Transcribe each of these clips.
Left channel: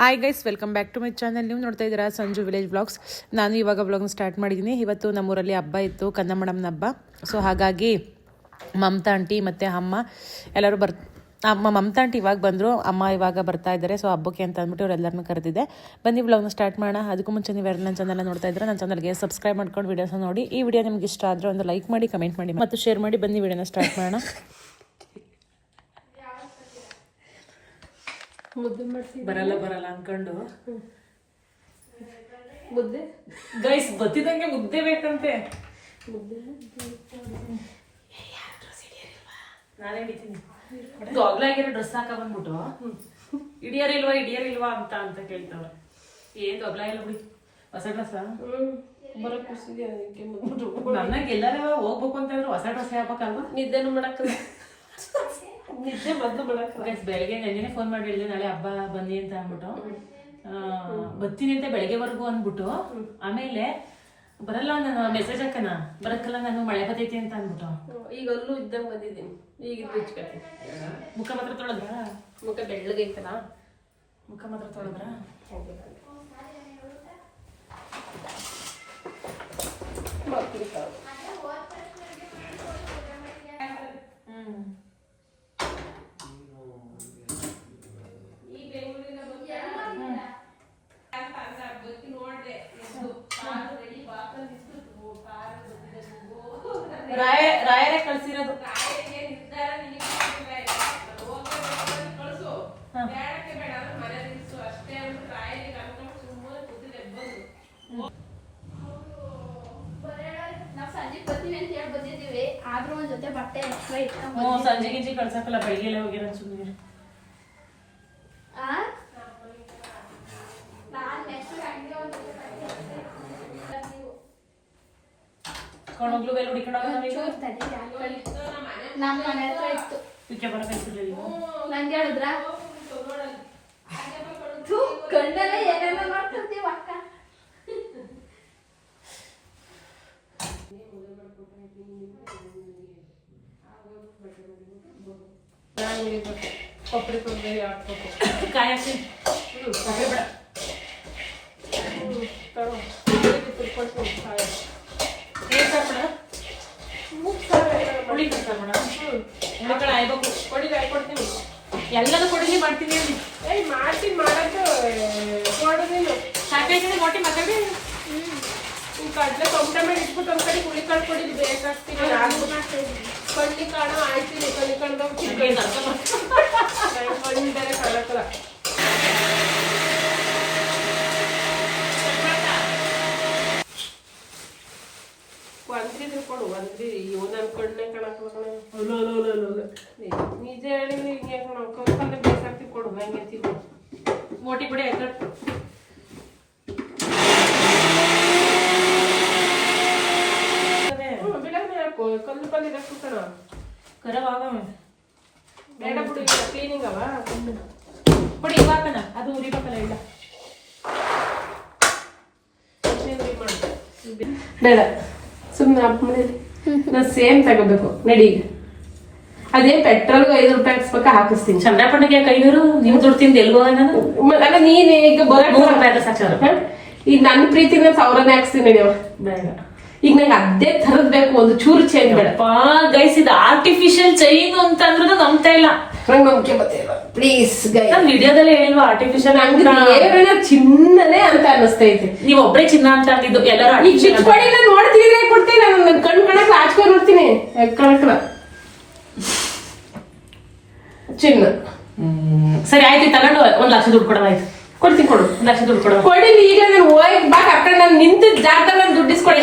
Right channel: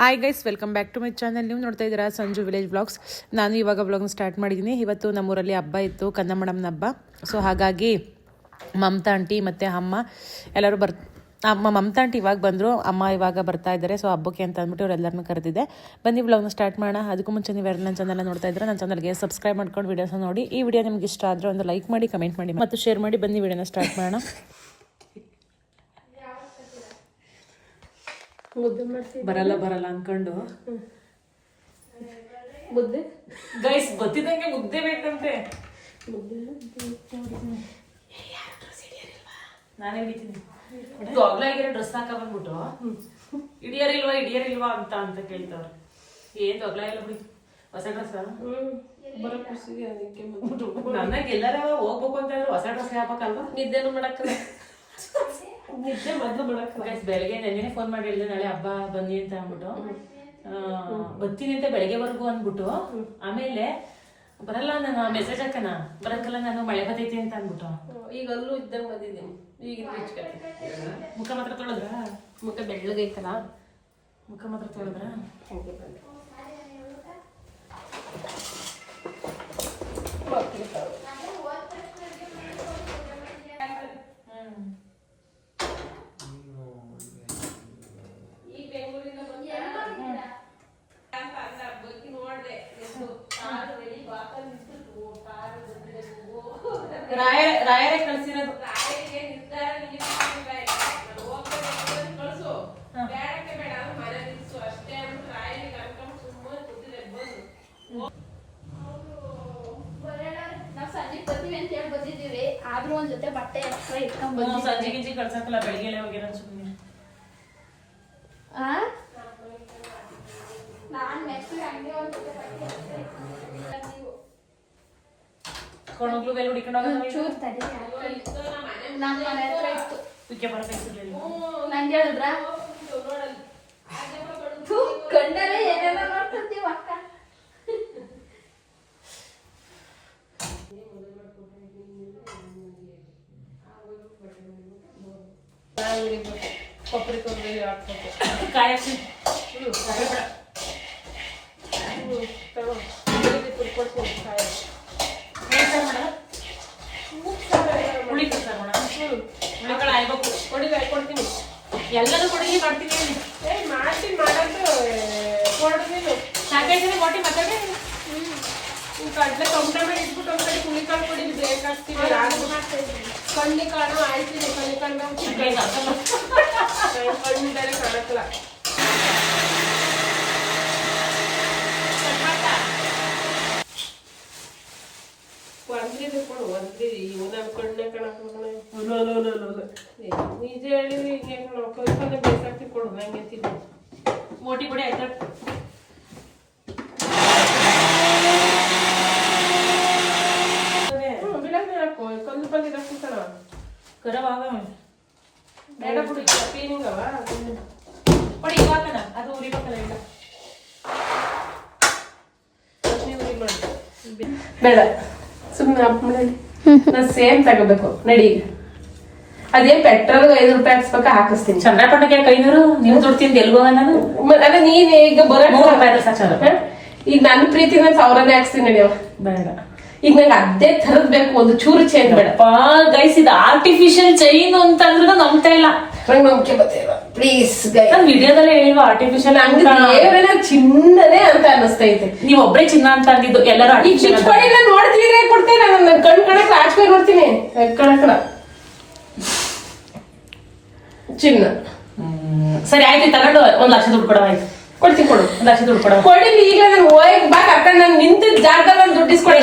Hi guys, welcome back to my channel. ನೀವು ನೋಡ್ತಾ ಇದ್ದೀರಾ ಸಂಜು ವಿಲೇಜ್ ಬ್ಲಾಗ್ಸ್. ನಾನು ಇವಾಗ ಬ್ಲಾಗ್ನ ಸ್ಟಾರ್ಟ್ ಮಾಡಿದ್ದೀನಿ. ಇವತ್ತು ನಮ್ಮೂರಲ್ಲಿ ಹಬ್ಬ ಇತ್ತು, ಕಂದ ಮೇಡಮ್ನ ಹಬ್ಬ. ಸೊ ಹಾಗಾಗಿ ಮಮತಾ ಆಂಟಿ ಮತ್ತು ಅಮ್ಮ ಎಲ್ಲರೂ ಮಮತಾ ಆಂಟಿ ಇವಾಗ ಬಂದರು, ಅಮ್ಮ ಇವಾಗ ಬರ್ತಾ ಇದ್ದಾರೆ. ಸೊ ಹಬ್ಬಕ್ಕೆ ಅಂತ ಅಂದ್ಬಿಟ್ಟು ಅವರೆಲ್ಲರನ್ನೂ ಕರೆದಿದ್ದೆ. ಬನ್ನಿ ಬ್ಲಾಗ್ನ ಸ್ಟಾರ್ಟ್ ಮಾಡೋಣ. ಅದಕ್ಕೂ ಮುಂಚೆ ನೀವು ನನ್ನ ಚಾನಲ್ ನೋಡ್ತಾ ಇದ್ರೆ ನನ್ನ ಚಾನಲ್ಗೆ ಸಬ್ಸ್ಕ್ರೈಬ್ ಮಾಡ್ಕೊಂಡು ವೀಡಿಯೋಸ್ನ ನೋಡಿ. ಈ ವಿಡಿಯೋ ನಿಮ್ಗೆ ಇಷ್ಟ ಆದರೆ ಒಂದು ಲೈಕ್ ಮಾಡಿ, ಕಮೆಂಟ್ ಮಾಡಿ ಮತ್ತು ಶೇರ್ ಮಾಡಿ. ಬನ್ನಿ ವಿಡಿಯೋನ ಸ್ಟಾರ್ಟ್ ಮಾಡೋಣ. ಬರಲ್ಲ ಅನ್ಕೊಂಡು ಮುದ್ದೆ ಗೈಸ್ ಬತ್ತಿದಂಗೆ ಮುದ್ದೆ ಬೇಕಂತೆ. ನಾನೇ ಹಿಡಿತೀನಿ. ದೊಗ್ಲಾಗಿರೋ ಡ್ರೆಸ್ ಹಾಕ ಬಂದ್ಬಿಟ್ಟು ಹಿಡಿಯರಿಲ್ವಾ ಅಂತ ಕೇಳ್ತವ್ರೆ. ಏನ್ ದೊಗ್ಲ ಇಲ್ಲ ಬಿಡಿ, ಹೊಸ ಡ್ರೆಸ್ ಬರೋ ಖುಷಿಗೆ ನನಗೆ ಎಲ್ಲಾರ ಹೋಗ್ಬೇಕು ಅಂತ ಹೇಳಿದ್ರು ಹೊಸ ಡ್ರೆಸ್ ಹಾಕಲ್ವಾ? ನಿದ್ದೆನು ಮಾಡಕ್ಕಲ್ಲ, ನಿದ್ದೆ ಮೊದ್ಲು ಮಾಡಕ್ಕಲ್ಲ. ಗೈಸ್ ಬೆಳಗ್ಗೆ ನೆನ್ನೆ ಫೋನ್ ಮಾಡಿ ಹೇಳಿದೆ ನಾಳೆ ಹಬ್ಬ ಬನ್ನಿ ಅಂತ ಅಂದ್ಬಿಟ್ಟು, ಬರ್ತೀನಿ ಅಂತ ಬೆಳಗ್ಗೆವರೆಗೂ ಅಂದ್ಬಿಟ್ಟು, ಆಮೇಲೆ ಬರಲ್ಲ ನಾನು ಮೆಸೇಜ್ ಹಾಕನ ಬರಕ್ಕಲ್ಲ, ನಾನು ಮಳೆ ಬರ್ತೈತಿ ಅಂತ ಅಂದ್ಬಿಟ್ಟು ಈಗ ಅಲ್ಲೂ ಇದ್ದಂಗೆ ಬಂದಿದ್ದೀನಿ. ಈಗ ಮುಖ ಮಾತ್ರ ತೊಳೆದ್ರ? ಮುಖ ಬೆಳ್ಳಗೈತಲ್ಲ, ಮುಖ ಮಾತ್ರ ತೊಳೆದ್ರ? ರಾಯರೇ ಕಳ್ಸಿರೋದು. ಸಂಜೆ ಗಿಂಜಿ ಕಳ್ಸಕ್ಕಲ್ಲ, ಬೆಳಿಗ್ಗೆ ಹೋಗಿರೋ ಸುಮ್ಮನೆ. ಕೊಂಡೋಗ್ಲು ಬೇಲ್ ಹುಡಿಕೊಂಡು ನಂಗೆ ಹೇಳಿದ್ರ ಕಂಡರೆ ಏನೆಲ್ಲ ಮಾಡ್ಕೊತೀವಿ ಅಕ್ಕ. ಕೊಬ್ಬರಿ ತೊಂದರೆ ಕಾಯಕ್ಕೆ ಕೊಬ್ಬರಿ ಬೇಡ ಎಲ್ಲರೂ ಕೊಡಿಲಿ ಮಾಡ್ತೀನಿ. ಮಾಡ್ತೀನಿ ಮಾಡೋದು ಕೊಡು ನೀನು. ಸಾಕಾಯ್ತದೆ ಮೊಟ್ಟಿ ಮಾತಾಡಿ. ಕಡ್ಲೆ ಟೊಮಟ ಮೇಲೆ ಇಟ್ಬಿಟ್ಟು ಒಂದ್ ಕಡೆ ಹುಳಿಕಾಳು ಕೊಡಿಲಿ ಬೇಕಾಗ್ತೀವಿ. ಕಣ್ಣಿ ಕಾಣು ಆಯ್ತಿದೆ, ಕಣ್ಣಿ ಕಾಣು ಕಣ್ಣಿದ್ದಾರೆ ಕಾಣಕ್ಕಲ್ಲ. ಒಂದ್ರಿದು ಕೊಡು, ಒಂದ್ರಿ ಇವನ ಕಣ್ಣೆ ಕಾಣಕ್ಕ ನಿಜ ಹೇಳಿ ಹಿಂಗೆ ಕಲ್ಪನೆ ಬೇಕಾಗ್ತಿ ಕೊಡು. ನಂಗೆ ತಿನ್ನು ಮೋಟಿ ಬಿಡಿ ಆಯ್ತಾ. ಬಿಡಂಗೆ ಹಾಕು, ಕಲ್ಲು ಬಗ್ಗೆ ಹಾಕ್ತಾರ ಕರವಾಗ ಬೇಡ ಬಿಡು. ಕ್ಲೀನಿಂಗ್ ಅವ ಕೊಡಿ ಇವಾಗನ ಅದು ಉರಿಬೇಕಲ್ಲ ಇಲ್ಲ. ಬೇಡ ಸುಮ್ಮನೆ ಅಪ್ ಮನೇಲಿ ನಾನು ಸೇಮ್ ತಗೋಬೇಕು. ನಡಿ, ಅದೇನ್ ಪೆಟ್ರೋಲ್ 5 ರೂಪಾಯಿ ಹಾಕ್ಸ್ಬೇಕ ಹಾಕಿಸ್ತೀನಿ. ಚಂದ್ರಪ್ಪಣ್ಣಗೆ 500 ನೀವು ದುಡ್ಡು ತಿಂದು ಎಲ್ಗೋಗ ನಾನು ಅಲ್ಲ ನೀನ್ ಈಗ ಬರೋ ಈಗ ನನ್ನ ಪ್ರೀತಿನ 1000ನೇ ಹಾಕ್ಸ್ತೀನಿ. ನಡಿ ಬೇಡ, ಈಗ ನಂಗೆ ಅದೇ ತರದ್ ಬೇಕು, ಒಂದು ಚೂರು ಚೇಂಜ್ ಬೇಡ. ಗೈಸ್ ಇದು ಆರ್ಟಿಫಿಷಿಯಲ್ ಚೈನ್ ಅಂತ ಅಂದ್ರೆ ನಂಬ್ತಾ ಇಲ್ಲ. ನಂಗೆ ನಂಬಿಕೆ ಬರ್ತಿಲ್ಲ ಪ್ಲೀಸ್ ಗೈ. ವಿಡಿಯೋದಲ್ಲೇ ಹೇಳ್ವಾ ಆರ್ಟಿಫಿಷಿಯಲ್ ಹಂಗೆ ಚಿನ್ನನೇ ಅಂತ ಅನಿಸ್ತೈತೆ. ನೀವ್ ಒಬ್ಬರೇ ಚಿನ್ನ ಅಂತ ಅಂದಿದ್ದು, ಎಲ್ಲರೂ ಚಿಚ್ಕೊಡಿ. ನಾನು ನೋಡ್ತಿದ್ರೆ ಕೊಡ್ತೇನೆ, ನಾನು ಕಣ್ ಕಣಕ್ ಆಚ್ಕೊಂಡು ನೋಡ್ತೀನಿ. ಕಣಕಣ ಚಿನ್ನ ಸರಿ ಆಯ್ತು, ತಗೊಂಡು 1 ಲಕ್ಷ ದುಡ್ಡು ಕೊಡೋದಾಯ್ತು. ಕೊಡ್ತೀನಿ, ಕೊಡು 1 ಲಕ್ಷ ದುಡ್ಡು ಕೊಡೋದು. ಕೊಡಿಲಿ ಈಗ ನಾನು ಹೋಗಿ ಬಾ ಕರ್ಕೊಂಡು ನಾನು ನಿಂತ ಜಾಗದಲ್ಲಿ ನಾನು ದುಡ್ಡು ಇಸ್ಕೊಡಿ.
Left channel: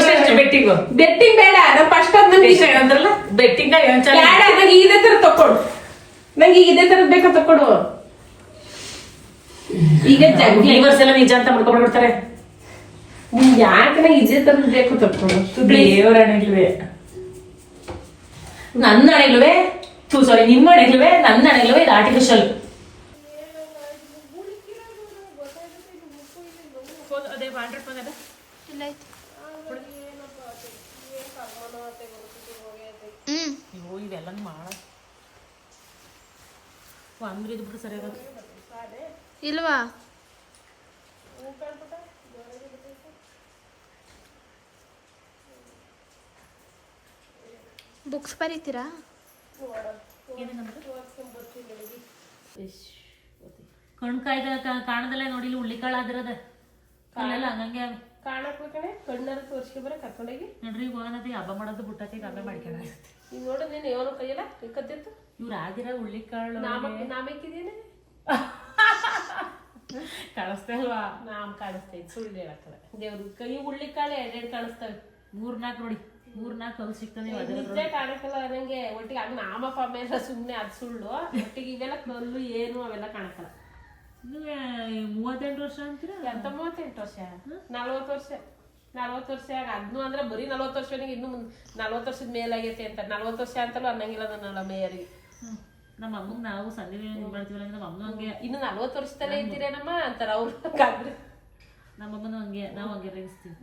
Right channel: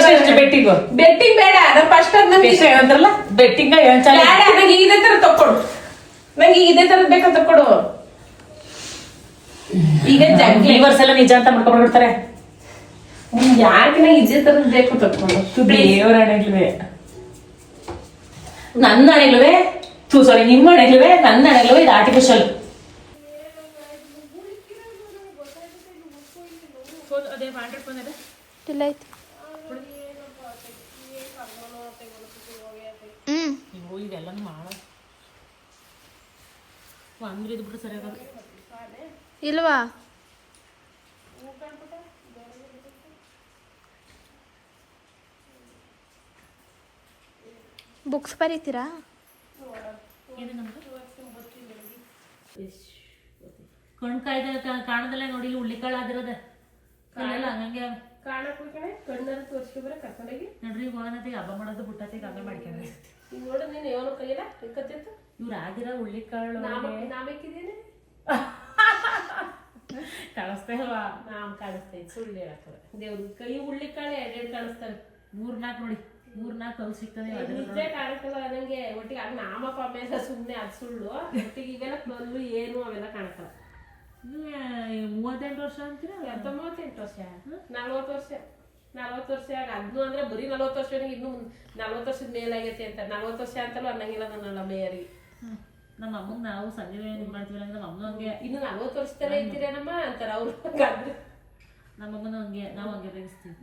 ಬೆಟ್ಟಿಂಗ್ ಬೇಡ, ನಾನು ಫಸ್ಟ್ ಅದ್ ನಂಗೆ ಅಂದ್ರಲ್ಲ ಬೆಟ್ಟಿಂಗ್ ಬೇಡ. ನಂಗೆ ಇದೇ ತರ ತಕ್ಕೊಡು, ನಂಗೆ ಇದೇ ತರದ್ ಬೇಕಾ ತಕ್ಕೊಡು. ಈಗ ಫ್ಲೇವರ್ಸ್ ಎಲ್ಲ ನಿಜ ಅಂತ ಮಾಡ್ಕೊಂಡ್ಬಿಡ್ತಾರೆ. ಯಾಕೆ ನಂಗೆ ಇದೇ ತರದ್ ಬೇಕು ತಕ್ಕೊಡು. ದೇವರ ಹಣೆಲ್ವೇ ನನ್ನ ಹಣೆಲ್ವೇ, ಸಾರಿ ನಿಮ್ಮ ಹಣೆಲ್ವೇ, ನನ್ನ ಹಣೆಲ್ವೇ. ಇದು ಆರ್ಟಿಫಿಷಿಯಲ್. ಅದೇ 100 ಫೋನ್ ಅದ ಇಲ್ಲ ಐತಿ. ಇವೆಲ್ಲನೂ ಮಾಡ ಅಂದ್ರೆ ಇದು ಬಿಟ್ಟು ಸರಿಯಾಗ ಇಲ್ವಾ ಬುಕ್ಸ್ ಬರೀತೀರಾ? ಕಣ್ಕಾಯ್ದ ಕಾಣದಲ್ಲ ನೋಡಿ, ಇಲ್ಲಿ ಉಳ್ಳಿಕಾಳಾದಿರೋದ ಕಲ್ಲೆಲ್ಲ ಹಂಗಂಗೆ ಕಾಣಕ್ ಬೇಕಣೆ, ಕಣ್ಣಾರ ತೋರ್ಸ್ಕೊ ಬರ ಕರ್ಕೊಂಡೋಗಿ ನೋಡ್ರಿ. ಹೋಗನತಿ ಹಬ್ಬ ಮಾಡೋದು ಬಿಟ್ಟತಿ, ಹಬ್ಬ ಮಾಡ್ಕೊಂಡ ಈಗ ನೋಡು ನೀನು ಏನೋ ಕೈಯಲ್ಲ ಕತ್ತಿತ್ತು. ಇವ್ರು ಆಗಿರೋ ಉಳ್ಳಿಕಾಳು ನಾಮೇಕಿದೇನೆ ಕಳಿಸ್ತಾ ಇಲ್ವಾ? ನಾಮ್ ಕಾಣಿಸ್ತೈತಿ, ಸುಳ್ಳು ಹೇಳಕ್ಕಲ್ಲ. ದೇವ್ರ ಕೈ ಉಳ್ಳಿಕಾಳೆ ಎರಡೆರಡು ಕಾಣಿಸ್ತವೆ. 3-4 ನೋಡಿ, 4-4 ಕಲ್ ಸಿಗ್ತದೆ. ನಿಜ ಕಾಣಕ್ಕಲ್ಲ ನಂಗೆ. ಒಟ್ಟಿಗೆ ಅದು ನಾಮಪ್ಪ ಮೇಲೆ ಸುಮ್ಮನೆ ಅದು ಸುಳ್ಳು. ಒಟ್ಟಿಗೆ ಇವೆಲ್ಲ ಕಲ್ಲು ಏನು ಅವೆಲ್ಲ ಕಾಣಕ್ಕಲ್ಲ. 38 ವರ್ಷ ಅಂತೀರಾ? ಎಂತ 38 ವರ್ಷ? 40 ವರ್ಷ. 40 ವರ್ಷ ಅದ್ನು ಅಂದ್ರೆ ಬರೀ 40 ವರ್ಷ. ಇನ್ನು 40 ವರ್ಷದ ಮೇಲಾಗೈತಿ ಅಂತ. 40 ವರ್ಷ ಅಂತಲೂ ಅನ್ನಂಗಿಲ್ಲ ನನ್ನ ಮೇಯರಿಗೆ. ನಮ್ಮ ಅಮ್ಮಗ್ ನಾವು ಸಂಜೆ ಇದು ಮಾಡ್ತೀವಲ್ಲ, ನಮ್ಮ ಅಮ್ಮನೂ ಹಂಗೆ. ಇನ್ನು 40 ವರ್ಷದಲ್ಲೇ ಇದ್ದೀರೇನಮ್ಮ ಅಂತಾರ ಅವ್ರು. ನಮ್ಮ ಅಮ್ಮನೂ ಹಂಗೆ, ನಾವು ಹಂಗೆ ರೇಗಿಸ್ತೀವಿ.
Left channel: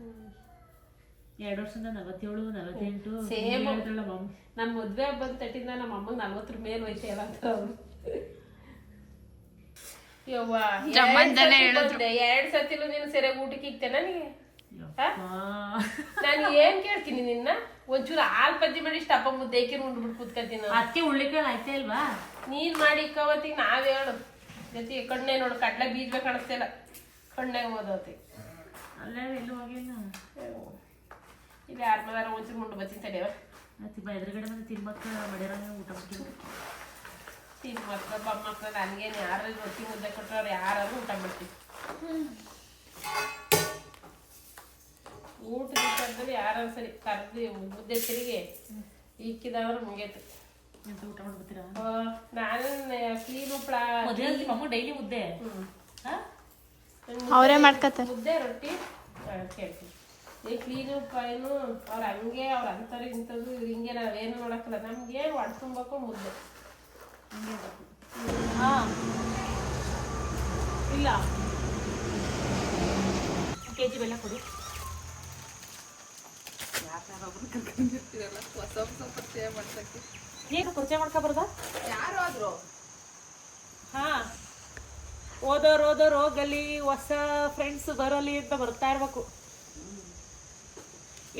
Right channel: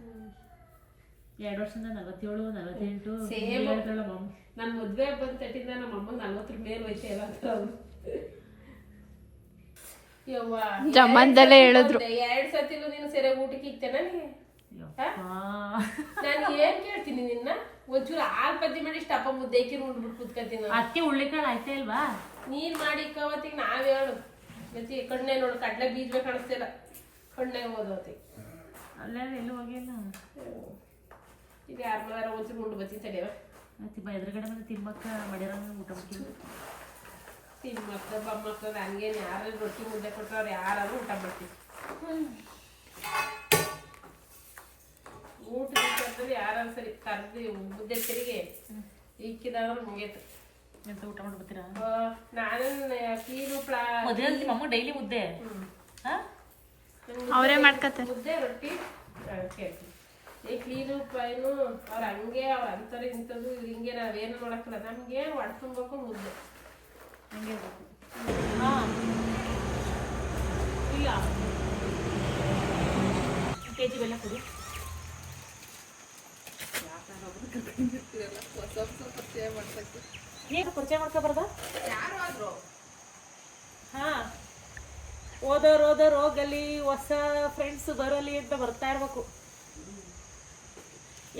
2 ವರ್ಷದಿಂದ 47, 48 ಹೇಳ್ತಾಳ ಮಮ್ಮ. ನನ್ ಮದ್ವೆ ಬಂದ್ ತಟ್ಟಿಂದ ನಮ್ಮ ಅಮ್ಮಗ್ 40 ಮೇಲೆ ವಯಸ್ಸು ಎಲ್ಲ ಅಂತ ಅವ್ರು. ಯವ್ವ ಜಮ್ಮಂದಲ್ಲೇ ಹೇಳಿದ್ರು. 2 ಸತಿಲು ನೀನು ಸರಿಯಾಗಿ ಊಟಕ್ಕೆ ಇಕ್ತೆ ನನಗೆ. ನಾನು ಏನ್ ಕೇಳ್ತೀನಿ ನಿನ್ನ? ಒಂಚೂರು ಹಾಲ್ ಪಜ್ಜಿ ಮಾಡಿ ಇಷ್ಟ ಅಪ್ಪ ಮುದ್ದೆ ಏಕಿ ಉಂಡ್ಬಿಟ್ಟು ಕೂತ್ಕೊತೀನಿ. ಅದಕ್ಕೆ ಉಳ್ಳಿಕಾಳು ಆಯ್ತಾ ಇಲ್ವಾ? ನೀನ್ ಮಾಡಿ ಇಕ್ಕವತ್ತಿಗೆ ನಾವ್ ಹೇಳು ಜೊತೆ ಕಣ್ಣೆ ನೋಡು, ಕಡ್ಲೆ ಬೀಜ ಕಾಣಿಸ್ತಿಲ್ಲ, ಕಣ್ಣೆ ಓದೋತಿ ಅಲ್ಲೇ ಎಲ್ಲೂ ಹೋಗಿಲ್ಲ. ಇದು 2 ವಾರ ಒಂಚೂರು ಮುಂಡು ಬತ್ತೀನಿ ತಡೆಯವ. ಎದುರುಗಡೆ ಬಂದು ತಿಮ್ಮಕ್ಕ ಮಾಡ್ಯಾರ ಊಟ ಮಾಡ್ತೀವಿ. ತಿಮ್ಮಕ್ಕ ಬಮ್ಮಕ್ಕ ನನ್ಗೇನು ಯಾರಲ್ಲಿ ರೊಟ್ಟಿ ಮುದ್ದೆ ಕೊಟ್ಟರೆ ಅವ್ರು ಯಾರು ಊಟ ಮಾಡ್ತೀವಿ. ಊಟದ ವಿಚಾರದಲ್ಲಿ ಯಾರು ಸರಿ ಕರ್ದು ಮುದ್ದೆ ಸರಿಗೆ ಇಕ್ಕಿದವ್ರು ಮುಗಿಯತ್ತೆ. ಎಂತ ಊಟ ಮಾಡ್ಬಿಡ್ತೀರಾ? ನಾನು ಕ್ಲೀನ್ ಉಪ್ಪಳ ಮಮ್ಮ ಡೈಲಿ ಮುದ್ದೆ ಅವರೇ ಮಾಡ್ಕತ್ತಾರೆ. ಮುದ್ದೆ ರೊಟ್ಟಿ ಕೇಳ್ತೀನಿ. ಈ ಕ್ಲೀನ್ ಉಪ್ಪಳೇನು ಅವ್ರು ಹಂಗೆ ಅವ್ರು ಅಂತಾರೆ ಇಂಥದ್ದು ಹಿಂಗೆ ನಾವೇನು ನೋಡಕ್ಕಲ್ಲ. ನಮ್ಗೆ ಹೊಡ್ಸ್ಕೊಬೇಕು ಮುದ್ದೆ ಹಂಗೆ ಇರಬೇಕು. ಹಾಂ ಇಲ್ಲ KG ಬೆಲ್ಲ ಕೊಡಿ. ಏನು ಪರಿಚಯ ಮಾಡ್ಕೊಬಾರ್ದ? ಹಾ, ಓದೋರು ಹೋಗಲಿ, ಹೊಸ ಫ್ರೆಂಡ್ಸ್ ಬರಲಿ ಅಂತ ಬರ್ತಾ ಇರ್ಬೇಕು.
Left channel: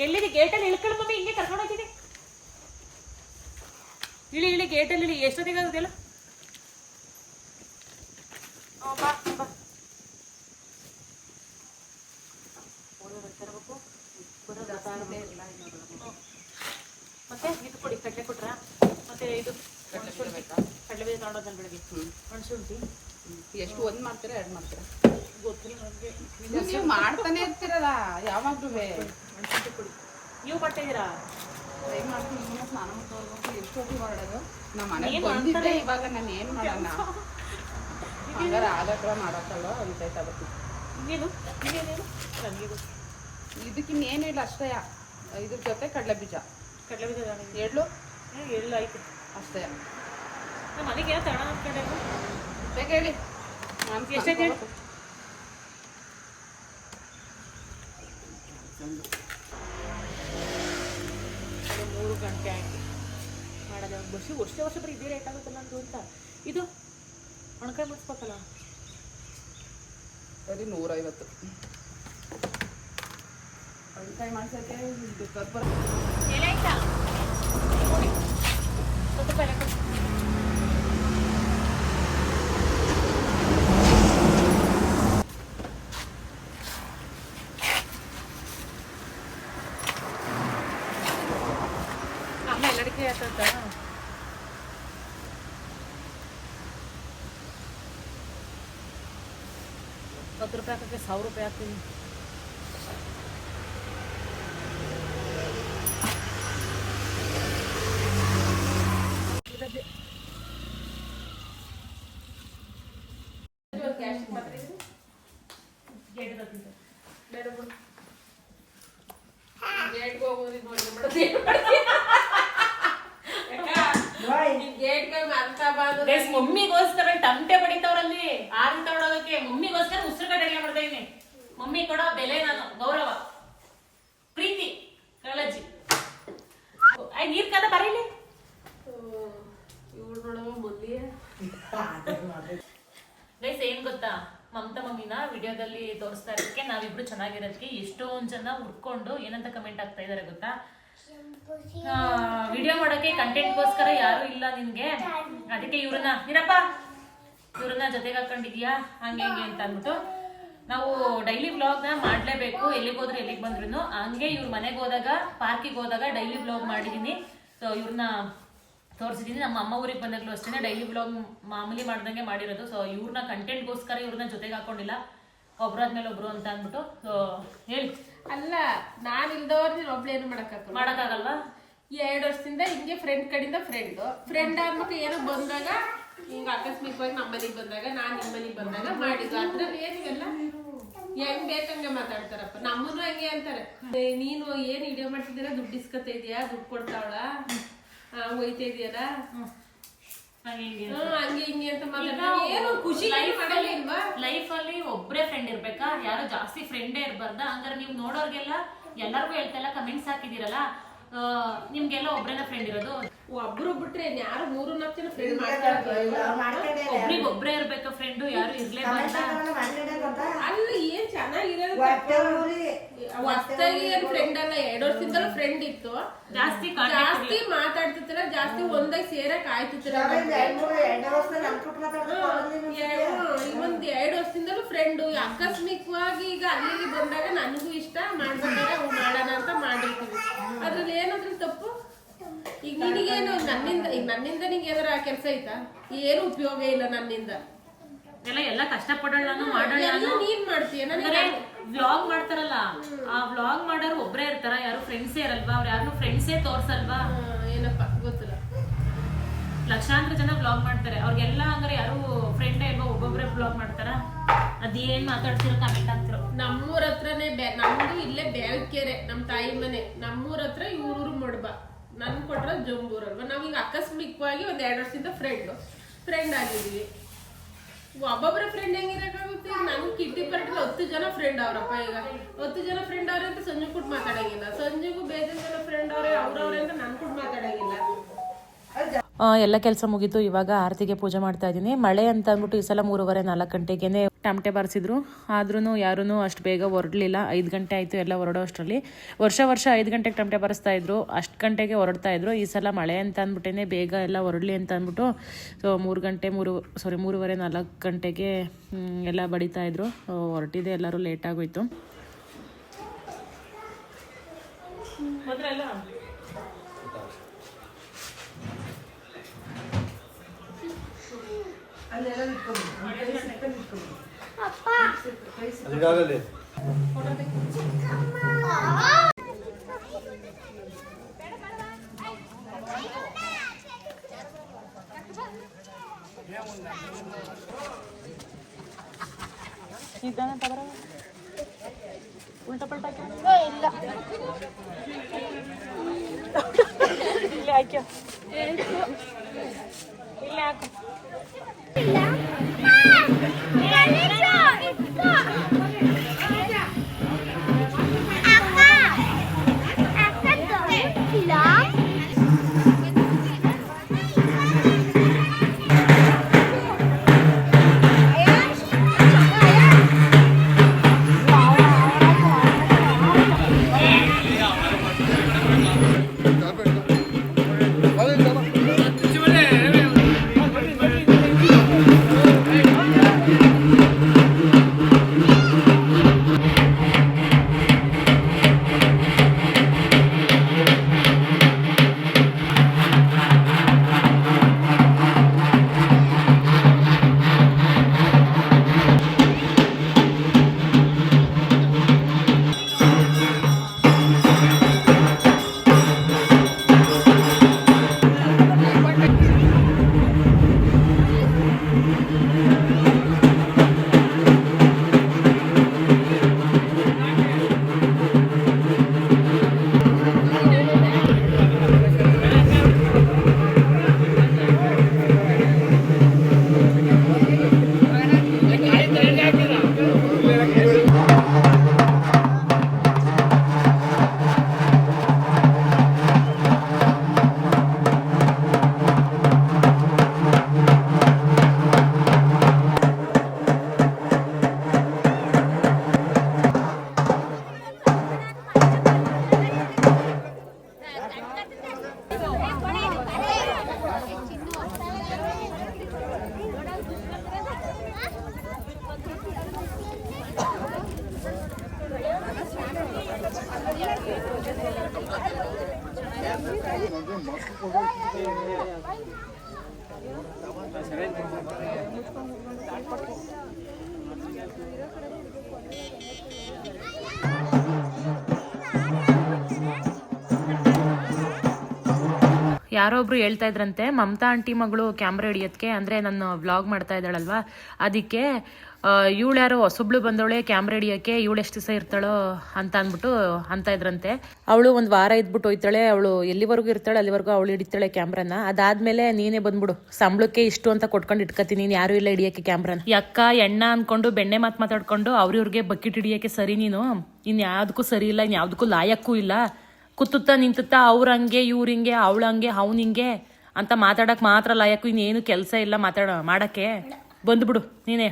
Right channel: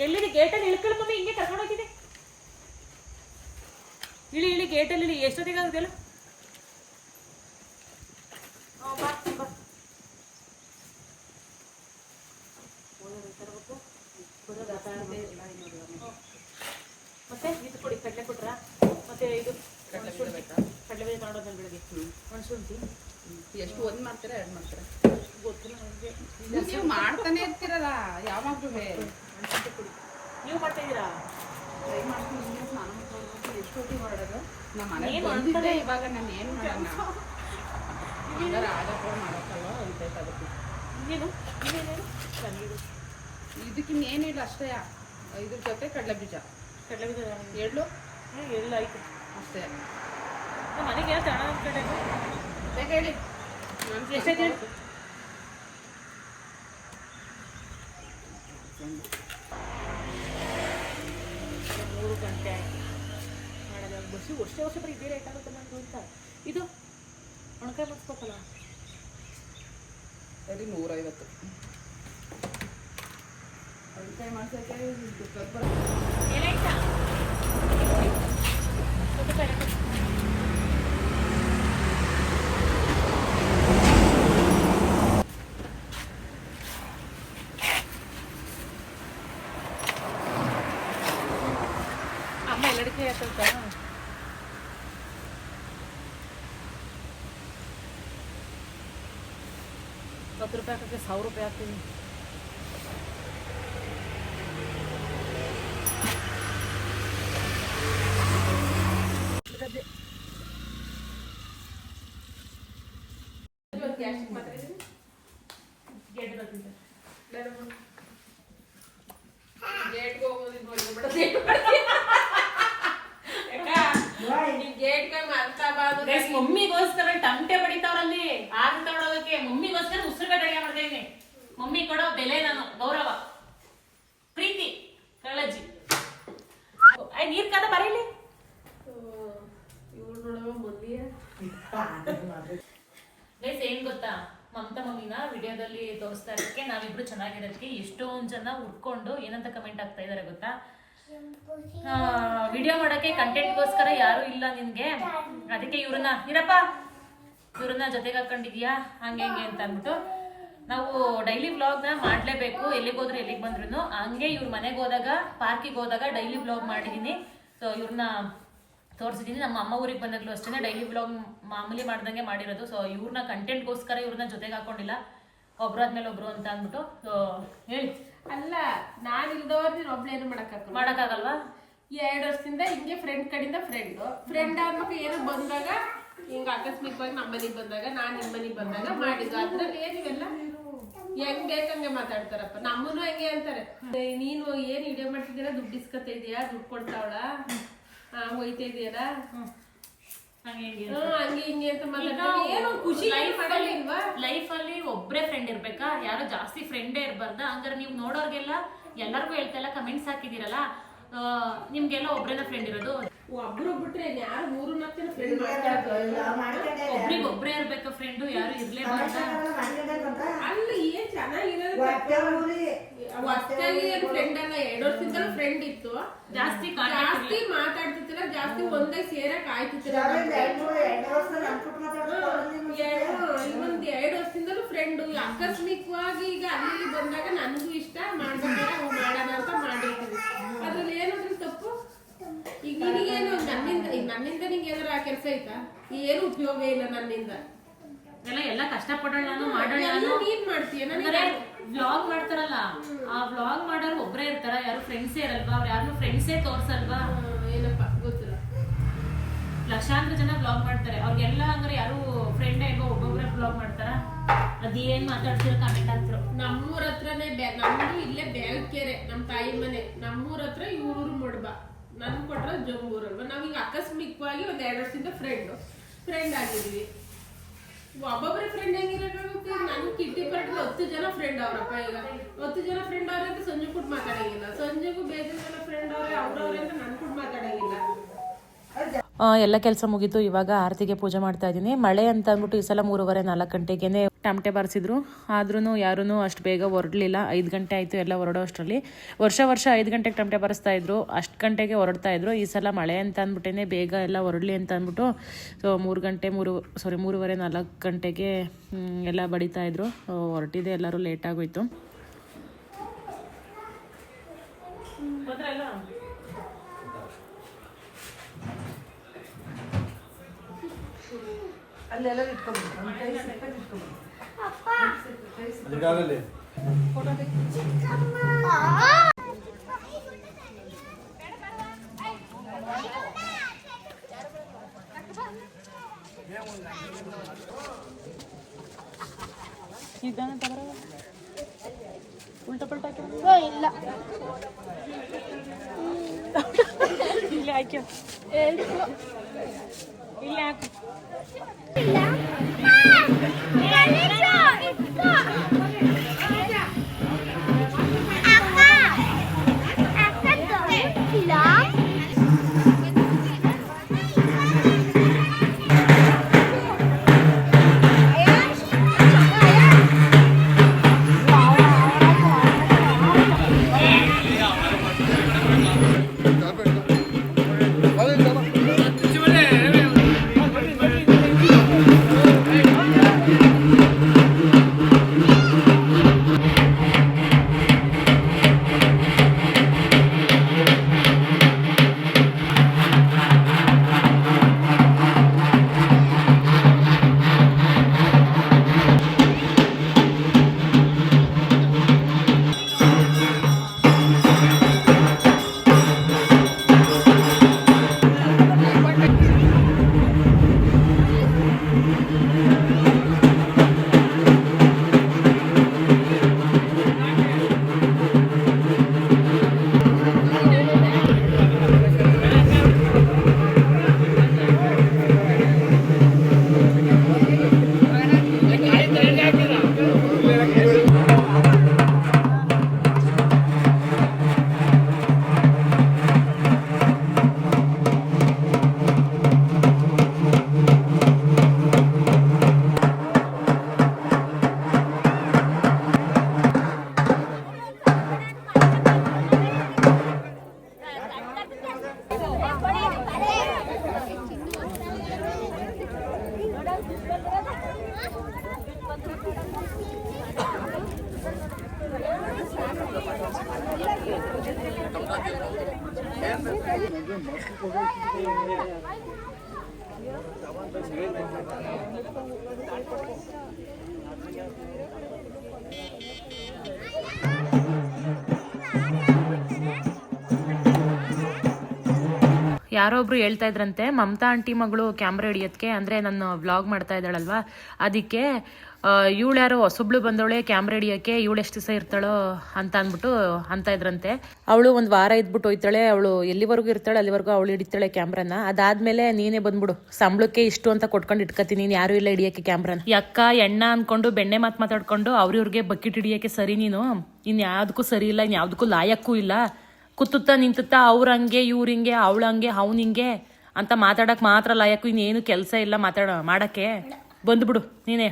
ಎಲ್ಲಿದೆ? ಗೇಟಲ್ಲಿ ಇಳ್ಕೊಳ್ಳ ಮಮ್ಮಿ, ಹಿಂಗೆ ಕರ್ಕೊಂಡು ಹೋಗಿದೆ. ಇಳಿ ಗೇಟಲ್ಲಿ ಇಳಿ. ಎಷ್ಟೊತ್ತಿಗೆ ಆಗುದಿಲ್ಲ? ಬಾ ಬಾ. ಓದೋರು ತರಬೇಕು, ಮತ್ತೆ ಇದು ಕೊಡಿ, ಕಡಲೆ ಕೊಟ್ರ, ಮತ್ತೆ ಇದು ಒಣಶುಂಠಿ, ಕಡಲೆ ಬೀಜ ತಗೊಂಡೋದ್ಮೇಲೆ ಬೆಳಗ್ಗೆ ಒಣಶುಂಠಿ ಎಷ್ಟು ಒಂದ್ ಮಾಡ್ತಾರೆ 2 ಮಾಡ್ತಾರೆ ಗೊತ್ತಿಲ್ಲ ನನಗೆ. ನೀವು ಮಾಡ್ತಾನೆ ಇರ್ತೀರಲ್ಲ ಯಾವಾಗ್ಲೂ. ಒಣಶುಂಠಿ ಕೊಡಿ. ನೀವು ಮಾಡ್ತಾ ಇದ್ದೀರಾ? ಟ್ರೈ ಮಾಡ್ತೀನಿ. ಸ್ನಾನ ಮಾಡ್ಕೊಂಡು ಎಷ್ಟೊತ್ತಿಗೆ ಮಾಡೋದು? ನಮ್ಮ ಮನೆಗೆ ಬಂದಿದ್ದೆ ಇವಾಗ. ನಾನು ಏನು ಮಾಡೋಣ, ಹಂಗಾರೆ ಆಗತ್ರ ಮಾಡೋಕ್ಕಲ್ಲ ಅನ್ಬೇಕಾಗುತ್ತೆ. ಇನ್ನೇನು ಇನ್ನೇನೇನು ನನಗೆ ಇದಕ್ಕಿನ್ನೇನಿಲ್ಲ ಅಷ್ಟೇ. ಇದ್ರ ಜೊತೆ ಕಡಲೆ ಬೀಜ ಎಳ್ಳು ಎಳ್ಳು ಆಯ್ತು ಅಷ್ಟೇ. ನಮ್ಮ ಮನೆಗೆ ಯಾವ ತಣ ಕಡೆ ಬೇಗ ಹೇಳಿ. ಎಷ್ಟೈತೆ ಹೇಳಿ? ಇದು 3 ಗಂಟೆ ಆಯ್ತು ಮಾಡೋದು. ವರ್ಷ ಬರೀ ಇದೇ ರೇಟ್ ಆಗುತ್ತಲ್ಲ ನಂದು ಅಂತ. ಇದು ಒಣಕಾಯಿ ಮಾಡಿಸ್ಬೇಕಲ್ಲ, ಸರಿ 150. ಒಣಕಾಯಿ ಮಾಡ್ಸೋಕೆ ಎಲೆ ಆಯ್ತಾ? ನೋಡಿ 10 ರೂಪಾಯಿ ಲೆಕ್ಕ. ಅಮ್ಮ ಎಲ್ಲರಿಗೂ ಹೇಳ್ತಾ 10 ರೂಪಾಯಿ ಹಾಕಕ್ಕೆ 1000 ರೂಪಾಯಿ ಹಾಕ್ತೀನಿ. ಮಮ್ಮಿಗೋಸ್ಕರ ಟಮಟೆ ಬಡಿತಾವ್ರಲ್ಲಿ ಆರು ತಗೊಳೋದಕ್ಕೆ. ಮಮ್ಮಿಗೋಸ್ಕರ ಉಸಿರುಗಡ್ಡೆ ಅಡಿಗೆ ಮಾಡ್ತಾ ಇದೀನಿ. ಮಮ್ಮಿ ಕೊಡೋ ಬೆಲೆ, ನಾನು ಗೌರವ, ಪ್ರೀತಿ, ಕಾಳಜಿ. ನೀರ್ ಕಾದ ಬರೀಲಿ. ಗೈಸ್ ಏನ್ ಗೊತ್ತಾ, ಮಮತಾ ಮಮ್ಮಿನ ವಿಡಿಯೋದಲ್ಲಿ ತೋರಿಸ್ತಾ ಇರೋದಕ್ಕೆ, ನಾವಿಬ್ರು ಚೆನ್ನಾಗಿರೋದಕ್ಕೆ ಎಷ್ಟೊಂದ್ ಜನ ಹುಡ್ಕೊಂಡು ಏನಂತ ಕಮೆಂಟ್ ಆಗ್ತಾ ಇದಾರೆ ಗೊತ್ತಾ? ವಿಡಿಯೋ ಮಾಡೋಕ್ಕೆ ಕಂಟೆಂಟ್ಗೋಸ್ಕರ ಯಾರೂ ಇಲ್ಲ ನಿನಗೆ, ಅದಕ್ಕೆ ಇವ್ರನ್ನ ಜೊತೆಗೆ ಹಾಕೊಂಡಿದ್ಯಾ ಹಂಗೆ ಹಿಂಗೆ ಅಂತ ಅಂದ್ಬಿಟ್ಟು ನಾವು ಡೈಲಿ ವ್ಲಾಗ್ನ ಮಾಡಲೇಬೇಕು. ಎಲ್ಲಿಗೆ ಹೋದ್ರು ಎಲ್ಲಿಗೆ ಬಂದ್ರು ಹಂಗೆ ಇವ್ರ ಮನೆಗೆ ಹೋದಾಗ ಪಾರ್ಕಿಗೆ ಹೋದಾಗ ಡೈಲಿ ವ್ಲಾಗ್ ಮಾಡಿದ್ದೀನಿ. ಸೊ ಇವ್ರನ್ನ ತೋರಿಸಿದ್ದೀನಿ. ನಮ್ಮ ಅಮ್ಮ ಊರಿಗೆ ಬಂದಾಗಲೂ ಅಷ್ಟೇ ಡೈಲಿ ವ್ಲಾಗ್ ಮಾಮೂಲಿ ಮಾಡ್ದಂಗೆ ಮಾಡಿರೋದು. ಸೊ ಇವ್ರನ್ನ ಕಂಟೆಂಟ್ಗೋಸ್ಕರ ಇವ್ರನ್ನ ಜೊತೆಗೆ ಹಾಕೊಂಡಿಲ್ಲ, ಒಬ್ರಾದ್ಮೇಲೆ ಒಬ್ರು ಅಂತ ಅಂದ್ಬಿಟ್ಟು. ಸೊ ಹೇಳಿ. ಅಲ್ಲ, ನಾನು ಇಲ್ದವ್ರು ನೀನು ಒಬ್ಳೇನು ಮಾಡೋಕ್ಕಾಗಲ್ವಾ? 2 ವರ್ಷದಿಂದ ಹಿಂಗೆ ಫ್ರೆಂಡ್ ಕಡೆಯಿಂದ ಫ್ರೆಂಡ್ ಆಗ್ಬೇಕು. ಏನೋ ಬಂದಾಗ ಹಿಂಗ ಆಕಸ್ಮಿಕವಾಗಿ ನಮ್ಮ ಮನೆಗೆ ಬಂದಾಗ, ನಾನ್ ನಿಮ್ಮ ಮನೆಗೆ ಬಂದಾಗ ಮಾಡಿದ್ದು. ಅದ್ರಲ್ಲಿ ಏನಿವೆಲ್ಲ ಹೆಂಗ್ ಬೇಕಂಗೆ ಮಾತಾಡ್ತಾರಪ್ಪ. ನಮ್ಮನ್ನು ಹಂಗೆ ಅಂತಾರೆ, ನೀನು ಏನ್ ವಿಡಿಯೋ ಮಾಡ್ತಿದ್ದೀರಾ, ದುಡ್ಡು ಇಸ್ಕೊತಾ ಇದೀಯಾ, ದುಡ್ಡು ಕೊಡ್ತಾವಳ, ಹೋಯ್ತಾ ಇದೆಯಲ್ಲ, ಹಂಗೆ ಹಿಂಗೆ ಅಂತ ಮಾತಾಡ್ತಾರೆ. ಏನು ಖುಷಿ ಮಾಡಲಿಲ್ವಾ? ಲೈಫಲ್ಲಿ ಒಬ್ಬರೇ ಫ್ರೆಂಡ್ ಇರ್ಬೇಕಾ? ಯಾರು ಜಾಸ್ತಿ ಫ್ರೆಂಡೇ ಇರ್ಬಾರ್ದ? ಹಂಗಾರೆ ನೀವು ನೋಡೋರ್ಗೆಲ್ಲ ಎಲ್ಲರಿಗೂ ಹೇಳ್ತಾ ಕಮೆಂಟ್ಸ್ ಹಾಕಿದಿರಲ್ಲ, ನಿಮ್ಗೆಲ್ಲ ಒಬ್ರೇನ ಫ್ರೆಂಡ್ ಇರೋದು? ಒಬ್ರು ಬಿಟ್ರೆ ಯಾರು 3-4 ಜನ ಫ್ರೆಂಡ್ ಮಾಡ್ತಾರೆ. ಒಬ್ರಿಗೊಬ್ರೇ ಇರ್ಬೇಕಾ ಫ್ರೆಂಡು? ಯಾರು ಇರ್ಲೇಬಾರ್ದ? ಅಲ್ಲಿ ಏನ್ ಚೆನ್ನಾಗಿರೋದು ಹೊಸ್ತಾಗಿ ಏನ್ ಫ್ರೆಂಡ್ ಅಲ್ಲ, 2 ವರ್ಷದಿಂದಲೂ ಫ್ರೆಂಡ್ ಇತ್ತು. ಜಾಸ್ತಿ ಮಾತಾಡ್ತಿತ್ತಿಲ್ಲ, ಜಾಸ್ತಿ ಒಂದಾಗಿ ಸೇರಕ್ ಆಯ್ತಿತ್ತಿಲ್ಲ. ಒಂದ್ 2 ವರ್ಷದಿಂದಲೂ ಫ್ರೆಂಡ್. ಆಕಸ್ಮಿಕವಾಗಿ ಈಗ ಅಲ್ಲಿ ಬಂದಾಗ ನನಗೂ ಇಷ್ಟ ಮಾಡ್ಬೇಕಾದ್ರೆ ಅವು ಮಾಡೋಣ ಅಂತ ಮಾಡಿರ್ತೀವಿ. ಅದ್ರಲ್ಲಿ ಏನಾದ್ರೂ ತಪ್ಪು? ಈಗ ನಿನಗೇನು ನನ್ನಿಂದ ನಿಂಗೆ ಏನಾರ ಕೆಲಸ ಐತಾ? ಏನು ಉಪಯೋಗ ಇಲ್ಲ ನನ್ನಿಂದ. ಎಲ್ಲ ಕಷ್ಟಪಡೋಣ ಮಾಡೋಣ. ನೀನ್ ಮಾಡ್ತೀಯ, ವ್ಲಾಗ್ ಮಾಡ್ತಾರಲ್ಲ, ಆ ವ್ಲಾಗ್ ಮಾಡೋರು ಒಬ್ರೇ ಇರ್ತಾರ? ಯಾರು ಫ್ರೆಂಡ್ಸೇ ಇರಲ್ವಾ? ಅವ್ರು ಯಾರು ಫ್ರೆಂಡ್ಸೇ ತೋರ್ಸಲ್ವಾ? ಏನಪ್ಪ ಗೊತ್ತಿಲ್ಲ. ಲಕ್ಷಾಂತರ ಜನ ವ್ಲಾಗ್ ಮಾಡ್ತಾರೆ, ಅವ್ರಿಗೆಲ್ಲ ಹಂಗಾರೆ ಯಾರು ಫ್ರೆಂಡೇ ಇಲ್ವಾ? ಒಬ್ಬೊಬ್ರೆ ವ್ಲಾಗ್ ಮಾಡ್ತಾರ? ಅದೇನ್ ಮಾತಾಡ್ತಿರೋ ಕಮೆಂಟ್ ಹಾಕ್ತಿರೋ. ನಮ್ಮೂರ ಹತ್ರನೇ ನಮ್ದು ಇಲ್ಲೇ ಬ್ಯಾಳ್ಕೆರೆ, ನಮ್ ತಾಯಿ ಮನೆ. ನಮ್ಮೂರ ಹತ್ರ ಇವ್ರೂರು ಮೊಡ್ಬ. ನನ್ ಕೊಟ್ರ ಜಂಬೂರಲ್ವಾ? ನಾವೀಗ ಆಕಸ್ಮಿಕವಾಗಿ 1-2 ವರ್ಷದಿಂದ ಫ್ರೆಂಡ್ ಆಗಿದ್ವಿ. ಒಬ್ಬೊಬ್ರೆ ಫ್ರೆಂಡ್ ಹೆಂಗಿರಕ್ಕಾಗುತ್ತೆ? ನನ್ ಕಿಟ್ಟಿ ಪರ್ಟಿಗೆ 10 ಜನ ಫ್ರೆಂಡ್ ಅವ್ರಪ್ಪ. ಈಗ 10 ಜನ ಫ್ರೆಂಡ್ ಅವ್ರೆ ಅಂತ ಸಂಜೆ ಕೂಡ ಮಾತಾಡಂಗಿಲ್ಲ, ಸಂಜೆಗೂ ಬೇಜಾನ್ ಜನ ಫ್ರೆಂಡ್ ಅವ್ರೆ ಅವ್ರವ್ರೆ ಅಂತ ನನ್ ಕೂಡ ಮಾತಾಡಂಗಿಲ್ಲ. ಎಲ್ಲ ಕೆಲಸ ಮುಗೀತು. ಇವಾಗ ಆರತಿಗೆ ಪೂಜೆ ಮಾಡ್ತಾ ಇದ್ದೀನಿ. ಮಳೆ ಅಂತ ಅಂದ್ಬಿಟ್ಟು ಈ ಸಲ 3:30-4 ಗಂಟೆಗೆ ಟಮಟೆ ಬಾರಿಸಿದ್ರು. ಆದ್ರೂ ಯಾರೂ ಅಷ್ಟು ಬೇಗ ಹೊರಡಲಿಲ್ಲ. 5 ಗಂಟೆ ಆಯಿತು ಎಲ್ಲ ಹೊರಡೋ ಅಷ್ಟರಲ್ಲಿ. ವರ್ಷ 5 ಗಂಟೆಗೆ ಟಮಟೆ ಬಾರಿಸ್ತಾ ಇದ್ರು, ಅಷ್ಟು ಗಂಟೆಗೆ ಹೊರಡ್ತಾ ಇದ್ರು. ಈ ಸಲ ಮಳೆ ಅಂತ ಅಂದ್ಬಿಟ್ಟೇ ಬೇಗ ಎಲ್ಲ ಹೊರಡಲಿ ಅಂತ ಅಂದ್ಬಿಟ್ಟು ಸೊ 3:30-4 ಗಂಟೆಗೆ ಎಲ್ಲ ಬಡಿತಾ ಇದ್ರು. ಹೊರಟಿದೆ, ಎಲ್ಲರೂ ಲೇಟ್ ಆಗೋಯ್ತು. ಉಲ್ಟಾ ಪಲ್ಟಾ ಇಲ್ಲ ಇಲ್ಲಿ ಹಾಕ್ಯ ಇಲ್ಲಿ ಹಾಕು. ಯಾರೋ ಒಬ್ರು ಹೇಳ್ತಾ ಇದ್ರಂತೆ ಮಮತಾ ಆಂಟಿ ಮಗಳು ಕ್ಯಾಮ್ರಾ ಹಿಡಿಯೋದಕ್ಕೆ ಅಂದರೆ ನಾನು ವ್ಲಾಗ್ ಮಾಡ್ತಾ ಇದ್ದಾಳಲ್ವಾ ಅದಕ್ಕೆ ಇವಳು ಯಾರೋ ಹೊಸಬ್ಳು ಬಂದವಳೆ ಕ್ಯಾಮ್ರಾ ಹಿಡಿಯೋಕ್ಕೆ ಇವಳು ಎಷ್ಟು ದಿವಸ ಇರ್ತಾಳೋ ಅಂತ ಅಂದ್ಬಿಟ್ಟು ಅಂತ ಇದ್ರಂತೆ. ಅವಳು ಒಂದು ವಾರ ಇದ್ಬಿಟ್ಟು ಹೋಯ್ತಾಳೆ, ಅವಳು ಎಲ್ಲಿವರೆಗೂ ಇರ್ತಾಳೆ ಅಲ್ಲಿವರೆಗೂ ಅವಳು ಹಿಡಿತಾಳೆ ಕ್ಯಾಮ್ರಾನ. ಅದಾದ್ಮೇಲೆ ನೀನೇ ಬಂದ್ಬಿಡು, ಸಂಬಳಕ್ಕೆ ಇಷ್ಟು ಅಂತ ಕೊಟ್ಕೊಂಡು ಇಟ್ಕೊತೀನಿ, ನೀನು ಯಾರು ಇಲ್ಲ ಹಿಡಿಯೋಕ್ಕೆ ಕ್ಯಾಮ್ರಾನ. ಯಕ್ಕ ಎಣ್ಣ ಅಂದ್ಕೊಂಡು ಬೆಣ್ಣೆ ಮಾತಾಡ್ಕೊಂಡು ಅವ್ರಿವ್ರಿಗೆ ಬಕೆಟ್ ಹಿಡಿಯೋಕ್ಕೆ ಸರಿ, ನೀನು ಇನ್ನು ಯಾವುದಕ್ಕೂ ಸರಿ ಇಲ್ಲ, ಇನ್ನು ಯಾವುದಕ್ಕೂ ಲಾಯಕ್ಕೂ ಇಲ್ಲ. ಕುತ್ತುತ್ತಾ ನಿಂತುತ್ತಾ ಅವ್ರ ಹಂಗೆ ಇವ್ರ ಹಿಂಗೆ ಅವಳ ಹಂಗೆ ಅವ್ನ ಹಿಂಗೆ ಅಂತ ಮಾತಾಡಕ್ ಮಾತ್ರ ಲಾಯಕ್ಕೂ, ಇನ್ನೇನು ಕೆಲಸ ಇಲ್ಲ ಮಾಡಕ್ಕೆ. ಬಂದ್ಬಿಡು ನೀನೇ.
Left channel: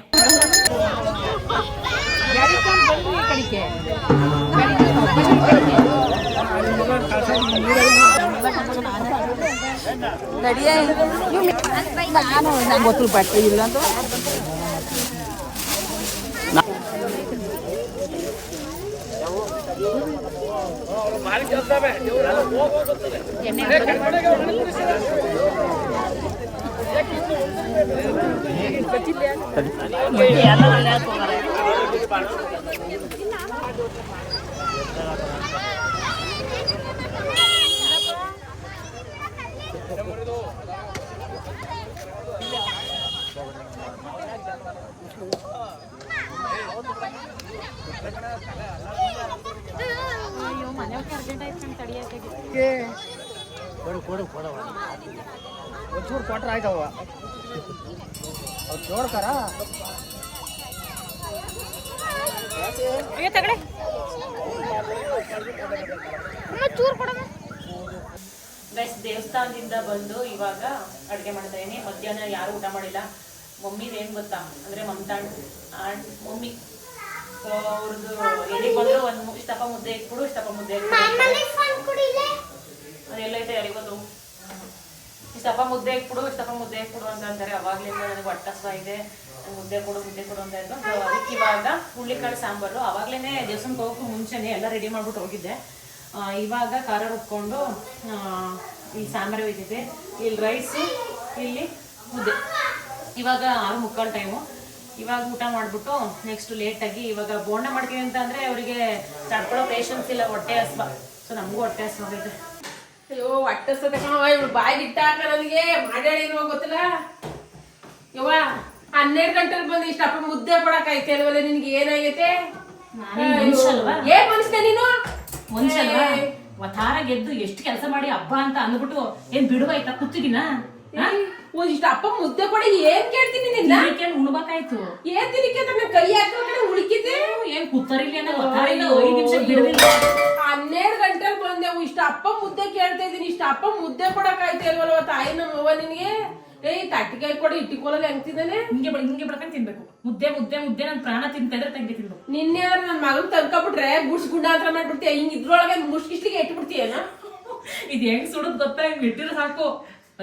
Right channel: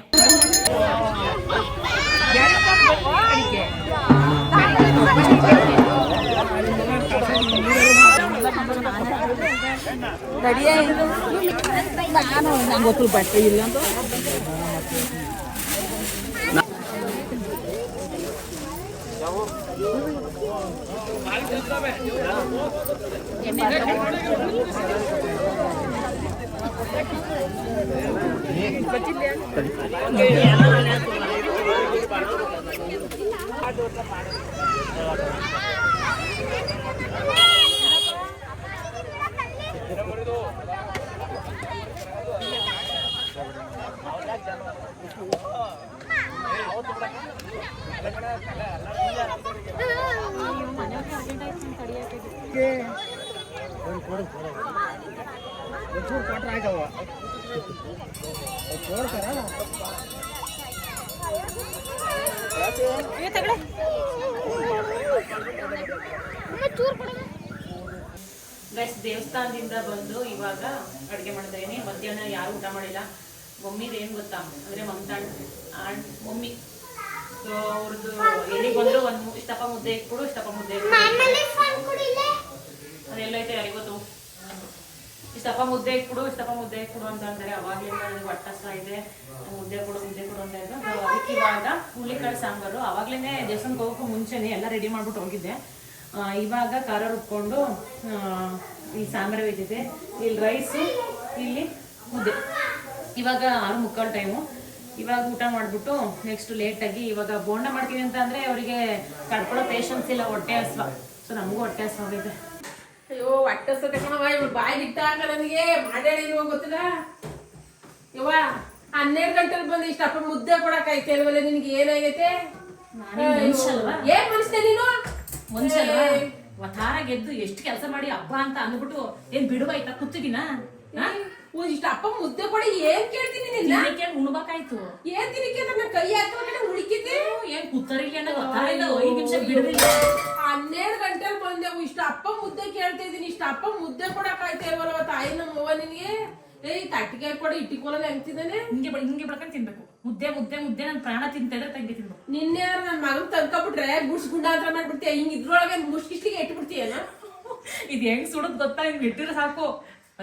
ಗೊತ್ತು ಬಟ್ಟೆ ಇಲ್ಲ ಅಂತ ದೇವಸ್ಥಾನದಿಂದ ಬಂದು ಇವಾಗ ಅಡುಗೆ ಮಾಡ್ತಾ ಇದೀನಿ. ಮಧ್ಯಾಹ್ನ ಯಾರು ಊಟ ಮಾಡಿಲ್ಲ. ಮಮ್ಮಿದು ಏನ್ ಗೊತ್ತಾ ಅಂದ್ರೆ ಮಮತಾ ಮಮ್ಮಿ ಅವ್ರದ್ದು ಎಲ್ಲಿಗೆ ಬಂದ್ರು ಒಂದು ಇಷ್ಟಪ್ಪ ಮುದ್ದೆ ಇಟ್ಬಿಡು, ಇಷ್ಟಪ್ಪ ಮುದ್ದೆ ಅದೆಲ್ಲ ಐತೆ ಯಾರಿಗೊತ್ತು. ಇಷ್ಟಪ್ಪ ಮುದ್ದೆ ಇಟ್ಬಿಡು, ಇಷ್ಟಪ್ಪ ಮುದ್ದೆ ಇಟ್ಬಿಡು ಅಂತ ಅಂತಾರೆ. ಅವಾಗ್ಲಿಂದ ನನಗೆ ಹೊಟ್ಟೆ ಇದೆ, ಮುದ್ದೆ ಕೊಡು ಅಂತ ಇದ್ರು. ಅದಕ್ಕೆ ಇವಾಗ ಹುಳ್ಳಿಕಾಳು ಸಾಂಬಾರು ಅವಾಗ್ಲೇನೆ ದೇವಸ್ಥಾನಕ್ಕೆ ಹೋಗೋಕ್ಕೂ ಮುಂಚೆನೆ ಎಲ್ಲ ರೆಡಿ ಮಾಡ್ಬಿಟ್ಟು ಹೋಗಿದ್ದೆ. ಇವಾಗ ಖಾರ ರುಬ್ಕೊಂಡು ಈ ಸಾಂಬಾರು ಇದ್ದಿದೆ, ಇಲ್ಲಿ ರೈಸು, ಇಲ್ಲಿ ಮುದ್ದೆ. ಇವಾಗ 6:45 ಟೈಮು. ಇವಾಗ ಊಟ ಮಾಡ್ಬಿಟ್ಟು ನೆಕ್ಸ್ಟ್ ಲೇಟಾಗಿ ಇವಾಗ ಬೋಂಡ ಮಾಡ್ತೀವಿ ಅಂತ ಅಂದ್ರೆ ಅವರಿಗೆ ತಡ್ಕೊಳ್ಳೋ ಪೇಷನ್ಸ್ ಇಲ್ಲ, ಹೊಟ್ಟೆ ಹಸ್ವ. ಸೊ ನಮಗೂ ಹೊಟ್ಟೆ ಹಸ್ವಾಗಿದೆ. ಅಯ್ಯೋ ಹೊಟ್ಟೆ ಹಸ್ವತೆ ಇವಳು ಬಾಯಿ ಇಟ್ಟಾಕ ನನಗೆ ಮಾಡ್ಯಾಳಿರೋ ಗೊತ್ತಿಲ್ಲ. ಯವ್ವ 12 ಗಂಟೆಲಿ ಬಂದು ಇಷ್ಟಪ್ಪ ಮುದ್ದೆ ಕೊಡಕ್ ಐತೆ ಅಲ್ವಲ್ಲ, ನಿನ್ಗೆ ಏನಾಗೈತೆ? ಏನ್ ಮನುಷ್ಯ ನೀನು? ಮನುಷ್ಯ ಅಲ್ವಾ? ವತಾರ ಗೆದ್ದು ಎಷ್ಟು ಕೆಲಸ ಮಾಡಿ ಹಬ್ಬ ಅಂತ ಅಂದ್ಬಿಟ್ಟು ಏನ್ ಬಿಡುವಾಯ್ತಾ ಕುತ್ತಿಗಿನ? ಇಷ್ಟ ಅಪ್ಪ ಮುದ್ದೆ ಕೊಡಿ ಏನ್ ಕೇಳ್ತೀನಿ ನಿನ್ನ? ಉಣ್ಬೇಕಾಯ್ತು. ಏನ್ ತಿನ್ನಿಕೆ ನನ್ನ ಕೈ ಹಾಕಿ ಉಳಿಕಿದ್ದೆ? ಏನ್ ಕೂತರಿಲ್ಲ ಅನ್ನೋ ವತಾರ ಇಲ್ಲ, 5 ನಿಮಿಷ ಬಿಡುದಿಲ್ಲ. 12 ಗಂಟೆಲಿ ಬಂದೆವು, ಇಷ್ಟ ಅಪ್ಪ ಮುದ್ದೆ ಕೇಳ್ತಾ ಇದೀನಿ, ಇಷ್ಟ ಅಪ್ಪ ಮುದ್ದೆ ಕೊಡಕ್ ಆಯ್ತು ಅಲ್ವಲ್ವ ತಾಯಿ ನಮ್ಮವ್ವ ನಿನ್ಗೆ? ತಟ್ಟಿಗೆ ಕೊಡಿ ಇಟ್ಟಿಕೊಳ್ಳಲು ಹೆಂಗ್ತಿದ್ದಾನೆ? ಹಿಂಗೆ ಬಿಡ್ಕೊಂಡು ತಿನ್ಬೇಕು. ಮುದ್ದೆ ಮುದ್ದೆ ಮುದ್ದೆ ನನ್ ಪ್ರಾಣ ತಿಂತಾ ಇದ್ರೆ ತಂಗಿ ತಿನ್ಬೇಕು. ನಿನ್ನೆ ನನ್ ಮಗನ್ ತಂದ್ಕೊಬಿಟ್ರೆ ಗುಡ್ಸ್ ಗುಂಡಾಂತರ ಮಾಡ್ಬಿಡ್ತೀಯ, ಹಿಂಗ್ ಇದ್ರೊಳಗೆ ಮುಷ್ಕಿಸ್ಲಿಗೆ ಇಟ್ಬಿಡ್ತೀಯನ? ಇದು ಹೆಂಗ್ ಸುಡದ್ ಗೊತ್ತಾ? ಹಿಂಗ್ ಇಟ್ಟಿದ್ರೆ ಸಾಕು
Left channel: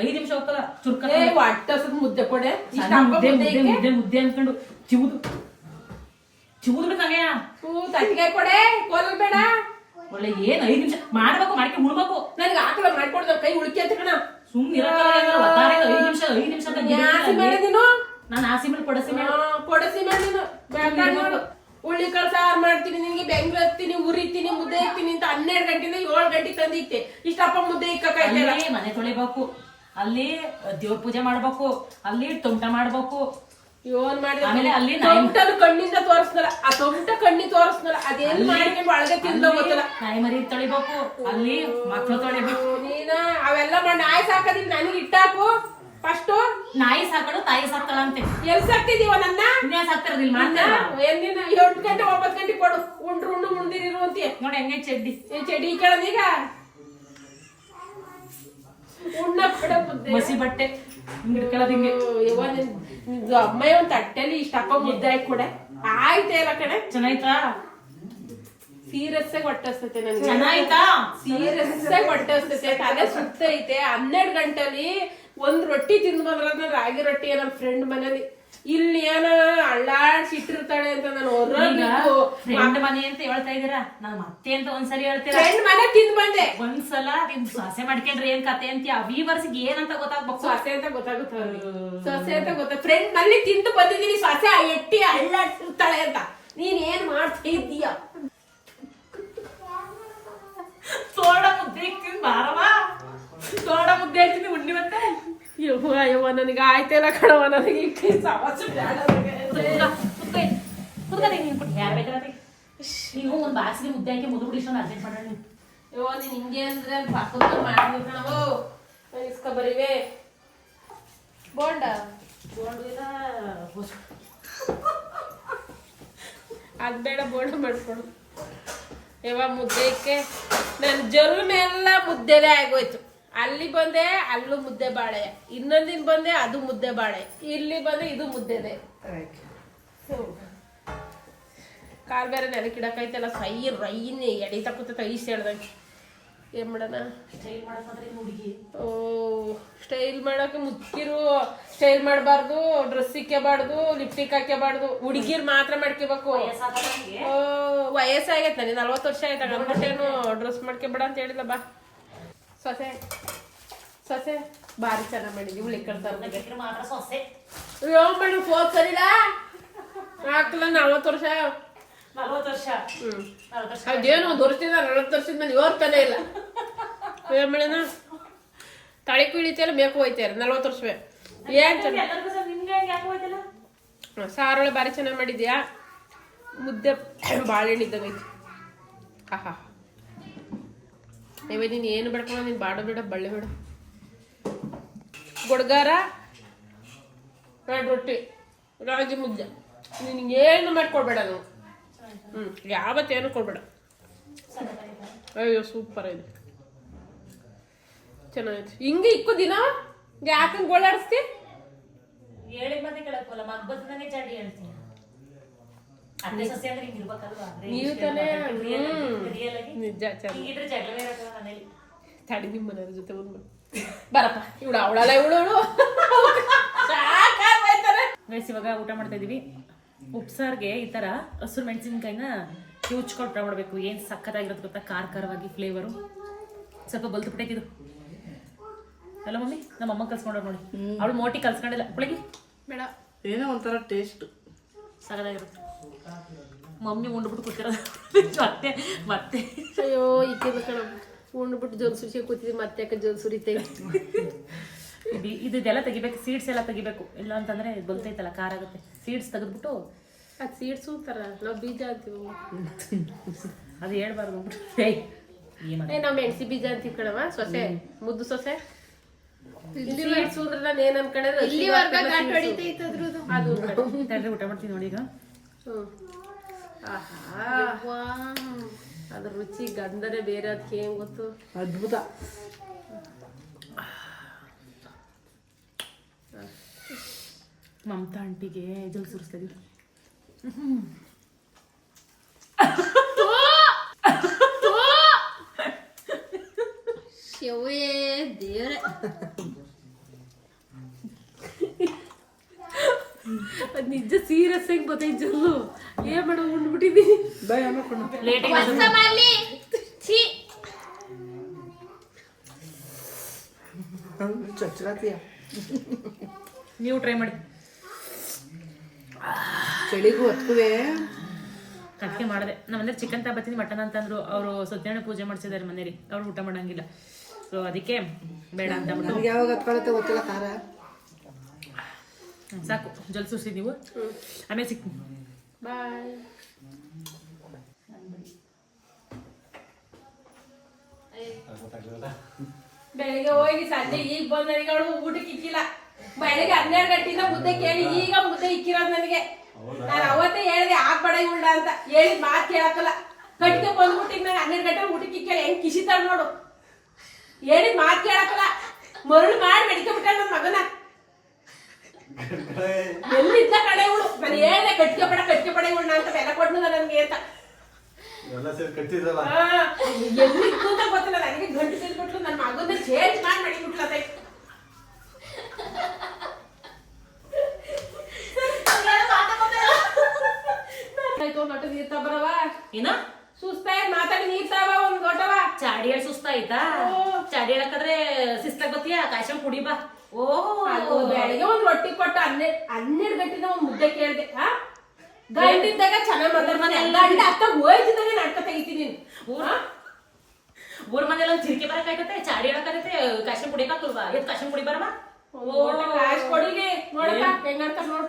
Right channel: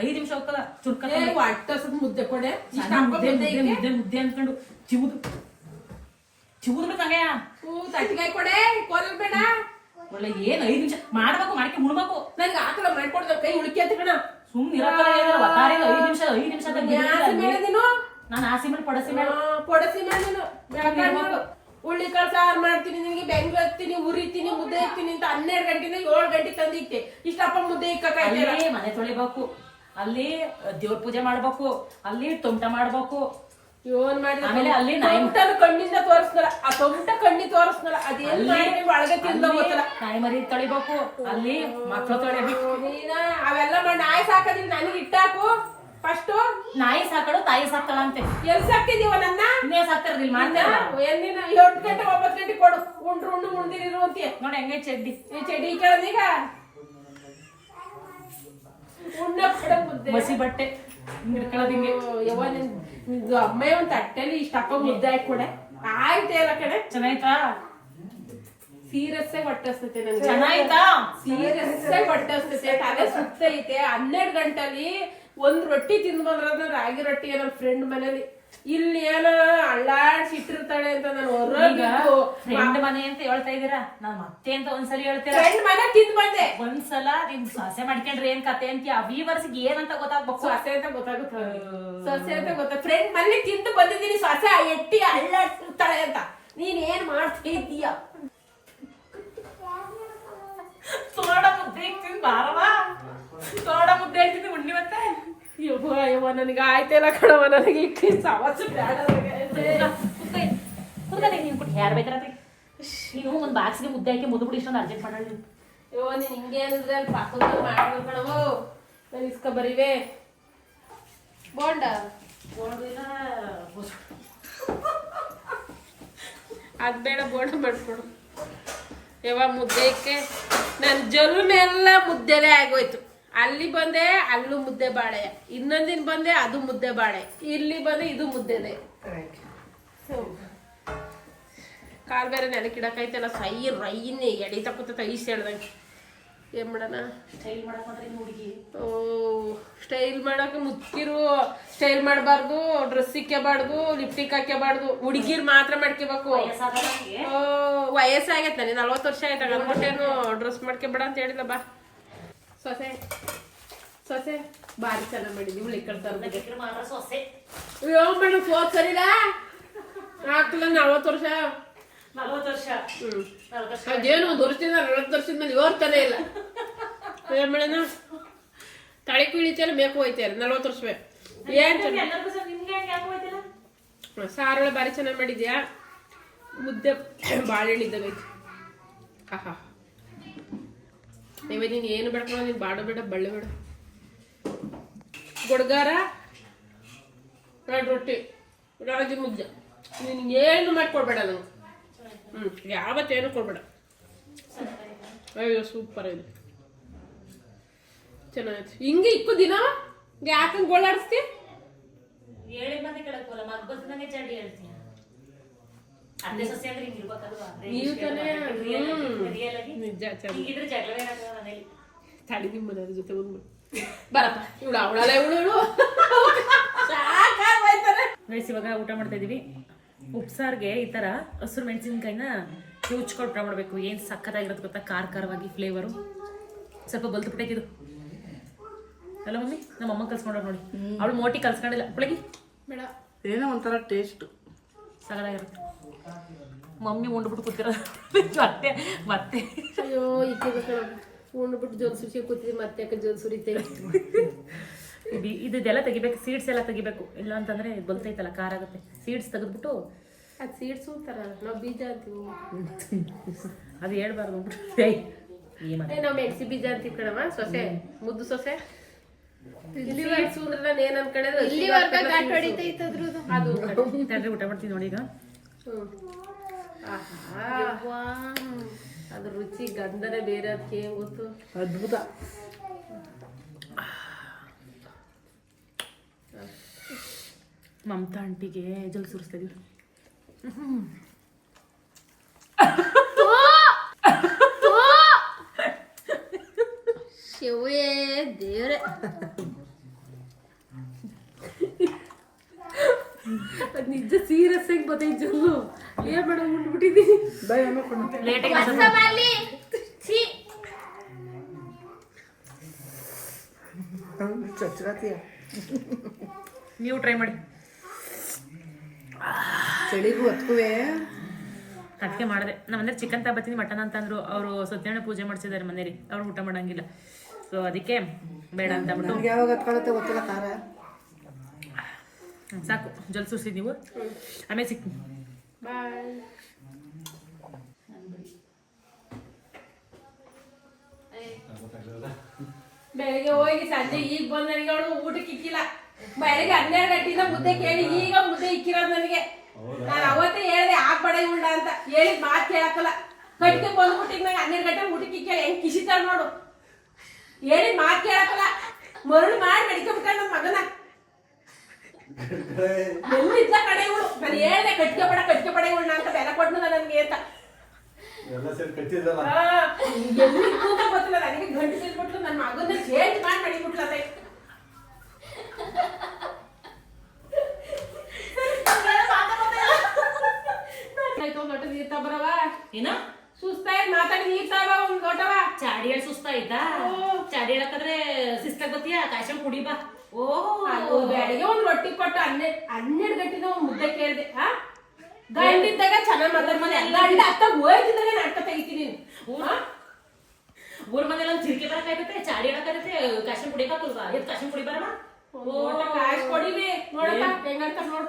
5 ನಿಮಿಷ ಹೋಗಲ್ಲ. ಚುರ್ಕ ಹೊಟ್ಟೆ ಮುದ್ದೆ ಕೊಡೆ, ಮುದ್ದೆ ಅನ್ಕೊಂಡು ಚಿವುದ್ಬೇಕಂಗೆ. ತಟ್ಟಿಗೆ ಕೊಡೆ, ಕೋಲಲ್ ಬೇಡ. ಒಳ್ಳೆ ಏನ್ 5 ನಿಮಿಷ ಮಾಡ್ಬೇಕು, ಮಾಡ್ಕೆ ಉಣ್ಬೇಕು. ನನ್ಗೆ ಆಕಳ ಮಾಡ್ಕೊಡ್ದ ಕೈ ಉಳಿಕೆ ಅಂತ ಕಣ. ಸುಮ್ಮನೆ 5 ನಿಮಿಷ ನಾನು ಆಸಿ ಮೇಲೆ ಕೊಡಸಿ ಮೇಲೆ ಹುಳ್ಳಿಕಾಳು ಸಾರು ಮಾಡ್ತೀನಿ, ನಿನ್ಗೆ ಬೆಂಗ್ಳು ಹತ್ತೀನಿ, ಉರಿತೀನಿ, ಮುದ್ದೆ ಇಕ್ತೀನಿ ಅಂತ 12 ಗಂಟೆಯಿಂದ 7 ಗಂಟೆಗೆ ತಂದು ಇಟ್ಟೆ. ಇಷ್ಟಪ್ಪ ಮುದ್ದೆ ಇಕ್ಕಿ ಮನೆ ತೊಳಿಬೇಕು, ಅಲ್ಲಿ ದೇವ್ರ ಪೂಜೆ ಮಾಡ್ಬೇಕು, ಅಲ್ಲಿ ತೊಂಟ ಮಾಡ್ಬೇಕು. ಏನ್ ಮಾಡಿ ಅಲ್ಲಿ ಕಣ್ಣಿಂದ ತೋರಿಸ್ನಲ್ಲ, ಆ ತೊಂಟ ಕಣ್ಣಿ ತೋರಿಸ್ನಲ್ಲ, ಅದೇನ್ ಮಾಡ್ಕೊಂಡು ಒಳಗೆ ತಿಂದ ಗೊತ್ತಲ್ಲ. ನಾಯಿ ಮರಿ ತೊಳಿಬೇಕು, ಅಲ್ಲಿ ಮಕ್ಳು ತೊಳಿಬೇಕು. ನೀನ ಅವೆಲ್ಲ ಮಾಡಿ ನಾಯಿ ಸಾಕದಿ ನನಗೆ ಇಟ್ಟಾಕು. ಫಸ್ಟ್ ನಾಯಿ ಸಾಕಳು ತಾಯಿ ಸಾಕಳ ಅಂತೆ. ಎಲ್ ಸಾಕ್ತಿದೀವ ನನ್ನ? ಇನ್ನೇ ಸಾಕ್ತಿರೋದಿಲ್ಲ. ಎಲ್ಲಿನ 8 ಗಂಟೆ 9 ಗಂಟೆ ಕೊಡು, ಉಂಡ್ರು ಉಣ್ದಿರುವಂತೀಯ ನೋಡಿ ಹೆಂಗೆ ಚಡ್ಡಿ. ಈ ಚಡ್ಡಿ ಕೇಳದೀಗ ಮಸಿ ಬಟ್ಟೆ ಅಮ್ಮ ಒಂದ್ ತಟ್ಟೆಲಿ ಇಷ್ಟಪ್ಪ ಮುದ್ದೆ ಹಾಕಿ ಕೊಡೆ. ಆಯ್ತಾ ಇಲ್ಲ ಕಡೆ? ಚೆನ್ನಾಯ್ತಾ? ಸೀರಿಯಸ್ ಆಗಿ ಹೊಟ್ಟೆ ಹಸ್ತೈತೆ ನನ್ಗೆ. ಚೆನ್ನಾಯ್ತಾ? ಸೀರಿಯಸ್ ಆಗಿ ಹೊಟ್ಟೆ ಹಸ್ತೈತೆ, ತಲೆ ಸುತ್ತೈತೆ. 12 ಗಂಟೆಲಿ ಒಂದ್ ರೊಟ್ಟಿ ತಿಂದು ಬಂದ್ರ ರಾಗಿ ರೊಟ್ಟಿ ನನ್ನ ಫ್ರೆಂಡ್ ಮನೇಲಿ ಇಲ್ಲಿ ಏನೋ ಅಳ್ಳಾಡ್ಸಿ ಇಟ್ಟಿರ್ತಾಳೆ ಅಂತ ನಾನು ಈಗ ಫ್ರೆಂಡ್ ಮನೆ ಅಂತ ಹೇಳ್ತಾ ಇದೀರಾ, ನಾವ್ ಮತ್ತೆ ಅಂತ ಒಂದ್ಸರಿ ಹೇಳ್ತೀರಾ. ಫ್ರೆಂಡ್ ಮನೆ ತಿಂದ್ ಬಂದೆ. ಒಂದ್ಸಲ ನಿಮ್ ಸೊಸೆ ಮಾಡ್ಕೊಂಡ್ರೆ ಏನ್ ಕತೆ ಅಂತೀಯ, ವ್ಯೂವರ್ಸ್ಗೆ ಏನಂತ ಗೊತ್ತಾಗ್ಬೇಕು. ಸೊಸೆ ಅಂತ ಗೊತ್ತಾಗುತ್ತೆ, ಸೊಸೆ ಅಂತ ಗೊತ್ತ. ಫ್ರೆಂಡ್ ಮನೆ ತಿಂದು ಬಂದಿದ್ದೀನಿ, ಸೊಸೆ ಎಟ್ಟಿ ಅಳ್ಳಾಡ್ಸಿರ್ತಾಳೆ ಅಂತ. ನೀನ್ ಏನ್ ಮಾಡ್ತಿದ್ದೀಯ? ಸೋಡ ಮುದ್ದೆ ಇಕ್ತೀನಿ ಬಾರವಾ, ಸೋಡ ಮುದ್ದೆ ಇಕ್ತೀನಿ ಉಂಡಿ ಮತ್ತೆ. ಅಯ್ಯವ್ವ ನನಗೆ ಆಯ್ತಲ್ಲ ಕಣವ, ನನಗೆ ಸಮಸ್ಯೆ ಬೇಡ. ಯಾರು ಬೇಕಾದ್ರೆ ನೀವು ಒಂದ್ ಬಾಕ್ಸ್ಗೆ ಮುದ್ದೆ ಹಾಕಿ ಮುದ್ದು ಬಿಡಿ ಅರ್ಜೆಂಟ್ ಮಾಡಿ. ಅಯ್ಯೋ ನೀನ್ ಹಿಂಗೆ ಅಂದ್ರೆ ಪಾಕ ಮಾಡ್ಬೇಕು ಕಣವೋ. ನಾನು ಇಸ್ಕ ಬರೀವೆ ಬೋಂಡ ಅದ್ಬೇಡ, ಬೋಂಡ ಮಾಡ್ಕೊಡು. ಯಾವ ಮುದ್ದೆ ಇಕ್ಕೆ ನನ್ನ ಜಲ್ಮೆಲ್ಲ ಮುದ್ದೆನೇ ಆಗೋಯ್ತು. ಅಲ್ಲಿ ಬಂದೆ ಅಲ್ಲೂ ಮುದ್ದೆ ಬಾಳೆ, ಇನ್ನೊಂದಿನ ಬಂದೆ ಅದು ಮುದ್ದೆ ಬಾಳೆ, ಇಲ್ಲಿ ಬಂದೆ ಇದು ಮುದ್ದೆದೆ. ಕಾಲ್ ಬೇರೆ ನೆನಕಿಡಕೈತಲ್ಲ, ಸೈ ರೈನ್ ಎಡಿ ತಪ್ಪತ್ತ ಈಸ್ ಹೇಳ್ದಂಗೆ. ಏನ್ ಮಾಡೋಣ? ಸ್ಟೈಲ್ ಮಾಡಕ್ ಹುಡುಗಿ ಓ ಸ್ಟೈಲ್ ಮಾಡಕ್ಕೆ ಮುಚ್ಚಿರು. ಸ್ಟೈಲ್ ಮಾಡಬಾರ್ದು, ಡ್ರೆಸ್ ಇಕ್ಕಬಾರ್ದು, ಲಿಪ್ಟಿಕ್ ಹಾಕ್ಯಬಾರ್ದು. ಹುಡುಗಿರ್ ಮಾತ್ರ ಮಾಡ್ಕೋಬೇಕು. ಓ ವಯಸ್ಸಾಗೈತೆ, ನನಗೆ 40 ವರ್ಷ ಆಯ್ತು. ಅಂದ್ಬಿಟ್ಟೇನು ಡ್ರೆಸ್ ಮಾಡ್ಕೊಬೇಡ ಅಂತ ಹೇಳಿದ. ಬಾ ಸೊಸೆ, ಸೊಸೆ ಭಾರಿ ಚೆನ್ನಾಗಿ ಮಾಡಿದ್ವಿ. ಹುಳಿ ಕಳ್ತಾರೆ ಮಾತ್ರ ಸೊಸೆ ಯಾವ ಮಾಡ ಫೋನ್ ಸರಿಲ್ಲ ಆಗ್ತಿಲ್ಲ. 40 ವರ್ಷ 40 ವರ್ಷ ಅದೇನು 1 ವರ್ಷದಿಂದ 40 ವರ್ಷದ ಮೇಲೆ ಯೋರ್ತಲೇ ಇಲ್ಲ. ಏನ್ ಮಾಡೋಣ? ತಳಿ ಕುಳಿತಿಯಲ್ಲ ಮೇಕು ಹೋಯ್ತಾರೆ 40 ವರ್ಷವೇ. ಏನ್ ಸಾರೋಳ ಭಾರಿ ಚೆನ್ನಾಗಿ ಮಾಡಿದ್ಯಾ. ಮುದ್ದೆ ಬಾಳೆಹಣ್ಣು ಇದ್ದಂಗೈತಿ. ಆಹಾ ನೀವೇ ನೀನು ಏನು ಬೇಡ್ಕೊಂಡು ನೀನು ಬಾಡ ಬೇಡ ಬಳ್ಳೆ ಬೇಡ. ಗೊಡ್ಗಾರ 2 ರೊಟ್ಟಿ ರಾಗಿ ಮುದ್ದೆ. ನಿನಗೆ ಏನು ಮಾಡಿಕೊಡ್ಬೇಡ ನಾವು. ಯಾವತ್ತೇನು ಕೊಡ್ಬೇಡ. ಅಯ್ಯೋ ಸೂಪರ್ ಇದೆ, ಚೆನ್ನಾಗೈತಿ. ಹಿಂಗೆ ಇಕ್ಕು ದಿನ ಯಾಕಂಗ್ ಗೋಳಾಡಿಸ್ತಿ? ಹೇಳಿದ ಮತ್ತೆ ಕೇಳಕ್ಕಲ್ಲ, ಮಗ್ಬತ್ ನಂಗೆ ಚಾಡಿ ಹೇಳ್ತೀನಿ. ಅದೇ ಸೊಸೆ ಅಂದ್ರೆ ಹಿಂಗೆ ಇರ್ಬೇಕಲ್ವಾ? ನೀವು ತಾನೇ ರಿಯಲ್ ಆಗಿ ನಿಜ ಹಿಂಗಿದ್ರೆ ಜಗಳವೇ ಇರಲ್ಲ ಮನೇಲಿ. ತಡಿ ನಿಮ್ಮ ಮನೆಯವ್ರ ಜೊತೆ ಒಂದು ಬರಪ್ಪ. ಇವಳು ಅವಳಲ್ಲ ಇವಳು ಗೈಸ್ ಇವಾಗ ಊಟ ಮಾಡ್ತಾ ಇದೀವಿ. ಉಪ್ಸಾರ್ಗೆ ಈ ತರ ಹಸಿರು ಮೆಣಸಿನ್ಕಾಯಿನ ಕಿವುಚ್ಕೊಂಡು ಊಟ ಮಾಡಬೇಕು. ಏನು ಸಕ್ಕತ್ತಾಗಿರೋದು ಗೊತ್ತಾ, ಖಾರವಾಗಿ ಫ್ಲೇವರು. ಸ್ವಲ್ಪ ಬಲ್ತು ಪುಟ್ಟಕ್ಕಿದು ಅಲ್ಲ ಮಮ್ಮಿ, ನಮ್ಮ ಅಮ್ಮ ಕಲ್ಸ್ಕೊಂಡ್ರು ನೋಡಿ. ಅವಳು ಮೋಟಿ ಕಲ್ಸ್ಕೊಂಡಿಲ್ಲ ಬೆಳಗ್ಗೆ ಬೇಡ, ಏನೋ ಒಂಥರ ಟೇಸ್ಟ್ ಸಗದಾಗಿರುತ್ತೆ. ಮಮ್ಮಿ ಉಂಡ್ಬಿಟ್ಟು ಕೂತಿರೋ ಮತ್ತೆ ಮತ್ತೆ ಅಯ್ಯೋ ಇಕ್ಕಬೇಕಣ. ಉಂಡ್ಬಿಟ್ಟು ಜೋಲ್ ಸುಸಿ ಕೂತಿದ್ವಿ, ಮತ್ತೆ ಯಾಕೆ ಜೋಲ್ ಸುರಿತೈತೆ. ಇದೆಲ್ಲ ತೆಗಿಬೇಕು, ಸೀಡ್ಸ್ ಎಲ್ಲ ತೆಗಿಬೇಕು. ಇಲ್ಲ ಅಂತಂದ್ರೆ ಬಲ್ತೈತಲ್ಲ, ಖಾರ ಆಗುತ್ತೆ. ಸೀಡ್ಸ್ ತೆಗೆದ್ಬಿಟ್ಟು ಅದು ಸೀಡ್ಸು ತರ ನಾವು ಬೀಜ ಅಂತೀವಿ. ಅದು ಹೇಳ್ಬಾರ್ದು ನಾವು ಮೆಣಸಿ ಬೀಜ ಅಂತೀವಿ ಕಣವ. ಸೊಸೆ ಮುದ್ದು ಸೊಸೆ ಸೀಡ್ಸು ಅಂದ್ರೆ ನಾನು ಏನ್ ಅನ್ಕೊಂಡಿದ್ರೆ ಅದು ಊಟ ಮಾಡ್ತೀನಿ ನೋಡಿ ಈಗ. ಅದ್ರ ರುಚಿ ಗಂಧನೇ ಬೇರೆ. ಅದಕ್ಕೆ ಏನ್ ಗೊತ್ತು, ಅದ್ಭುತ. ಮಮತಾ ಆಂಟಿಗೆ ಜಲ್ ಸುರಿಸ್ತಾ ಇದೀವಿ. ಶಿವೇ ದೇವ್ರೆ, ಅದ್ ನಿಜ ಸೀರಿಯಸ್ ಆಗಿ ಬತ್ತೈತೆ ಜಲ್ಲು. ಏನ್ ಮಾಡೋ ಉಂಡ್ಬಿಟ್ಟಿದ್ದೀನಿ. ಚಚ್ರಾತಿಯ ನೀವು ಟ್ರೈ ಮಾಡಿ. ಚಳಿಗೂ ಹೊತ್ಕುವೆ ಅದಕ್ಕೆ ಮಾಡಿದೆ. ನಮ್ಮ ಮನೇಲಿ ಚಿಕನ್ ತಗೋತೀನಿ, ಮಟನ್ ಅಂತಂದ್ರು. ಅವರು ಸತ್ಯನಾರಾಯಣ ಪೂಜೆ ಮಾಡಿಸಿದ್ದಾರೆ ಮನೇಲಿ, ಅವ್ರು ಊಟ ಮಾಡಂಗಿಲ್ಲ. ಸೊ ಅದಕ್ಕೆ ಬೇಡ ಅಂತ ಬಿಟ್ಟು ಯಾವಾಗ ಹತ್ಕೊಳತ್ತೆ ಗೊತ್ತಿಲ್ಲ. ಖಾರ ಸಾಕು, ಜಲ್ ಸುರಿಸಿ ನೀವು. ಆಮೇಲೆ ಸಿಗ್ತೀನಿ. ಬಾಯ್. ಬೆಳಿಗ್ಗೆ ಹೋಗಿ ಸಂಜೆ ಈಗ ಬಂದ ನನಗೆ ಅವಳು ಊಟಕ್ಕೆ ಇಕ್ಕಿಲ್ಲ. ಬೆಳಿಗ್ಗೆ 12 ಗಂಟೆಯಿಂದ ಮುದ್ದೆ ಕೇಳಿ ಈಗ ಮುದ್ದೆ ಇಕ್ಕಿರೋದು ನನಗೆ. ನಾನು ಅವತ್ತೇ ಹೇಳಿದೆ ಹಾಕ್ಬೇಡ ಉಂಡ ಅಂತ. ಹೇಳಿದ ಮಾತು ಕೇಳಕ್ಕಲ್ಲ. ಕಟ್ಟಿಗೆ ಬಂದ್ಬಿಟ್ಟಿಗೆ ನಂಗೆ 12 ಗಂಟೆ ಊಟಕ್ಕೆ ಇಕ್ಕಿಲ್ಲ. ಹೆಂಗ್ ಕಿಸಿತಾಳ ನೋಡು. ಹೇಳಿದ ಮಾತು ಕೇಳಕ್ಕಲ್ಲ. ಮರಳು ಮಾಡಿ ಬೆಳಿಕಬಿಟ್ಟ ನನ್ನ ಮಗನ. ಎಲ್ಲಿದ್ದ ಕಡೆ ಇವಳು. ನಾನು ಹೇಳಿದೆ ಕಟ್ಟಿಗೆ ಪಡೆ ಉಂಡ ಅಂತ ಬೆಲೆ ಕೊಡ್ನಲ್ಲ ನನ್ಗೆ ಅಂತ. ಎಲ್ಲಿ ಕೂತ ಗೊತ್ತಿಲ್ಲ ನನಗೆ. ಗಂಟು ತಿಳ್ಬಿಟ್ಲು ನನ್ನ ಮಗನ ಚೇಂಜ್ ಮಾಡಿ ಮಡಿಬಿಟ್ಲ. ಆಯ್ತು ಒಂದ್ ಲೋಟ ನೀರ್ ತಬರವ ಏನ ಸುಸ್ತಾಯ್ ಮಾತಾಡಿ ನೀರ್ ತಬ ಒಂದ್ ಲೋಟವ ಚಾಡಿ ಹೇಳಿ ಸುಸ್ತಾಯ್ತಾ ಚಾಡಿ ಹೇಳಕ್ಕಾದ್ರೆ ಶಿಸ್ತಾಗ್ ಬತ್ತೀಯ ಕಾಯ್ಸ್ಕೊಂಡ್ ಕುಡಿ ಬಾ ಅದು ಬೆಳಿಗ್ಗೆ ಒಂದ್ ರೊಟ್ಟಿ ಕೊಟ್ಟು 12 ಗಂಟೆನ ಒಂದ್ ಮುದ್ದೆ ಕೇಳ್ದೆ ಗಂಡಿದ್ದಾಗ ಚೆನ್ನಾಗ್ ಮಾತಾಡ್ತಾನೆ ಗಂಡ ಅತ್ತ ಹೋಯ್ತಿದ್ದಾಗ ನಾಟಕ ತೆಗಿತೀನಿ ಊರ್ ಮನೆಲ್ಲ ಒಂದ್ ಚಿರಿಕೆ ಬರಕಾಯ್ತತೆ ಚಾಡಿ ಹೇಳಕ್ಕಾಗತ್ತೆ ಕಾಯ್ಸ್ಕೊಂಡ್ ಕುಡಿಯಕಾಕಲ್ವಾ ಎತ್ ಕಾಯ್ಸ್ಕೊಂಡ್ ಕುಡಿ ಬರಮ್ಮ ಕಾಯ್ಸ್ ಕೊಡಿಲಿ ನೋಡಪ್ಪ ಹೆಂಗಂತ ನೋಡು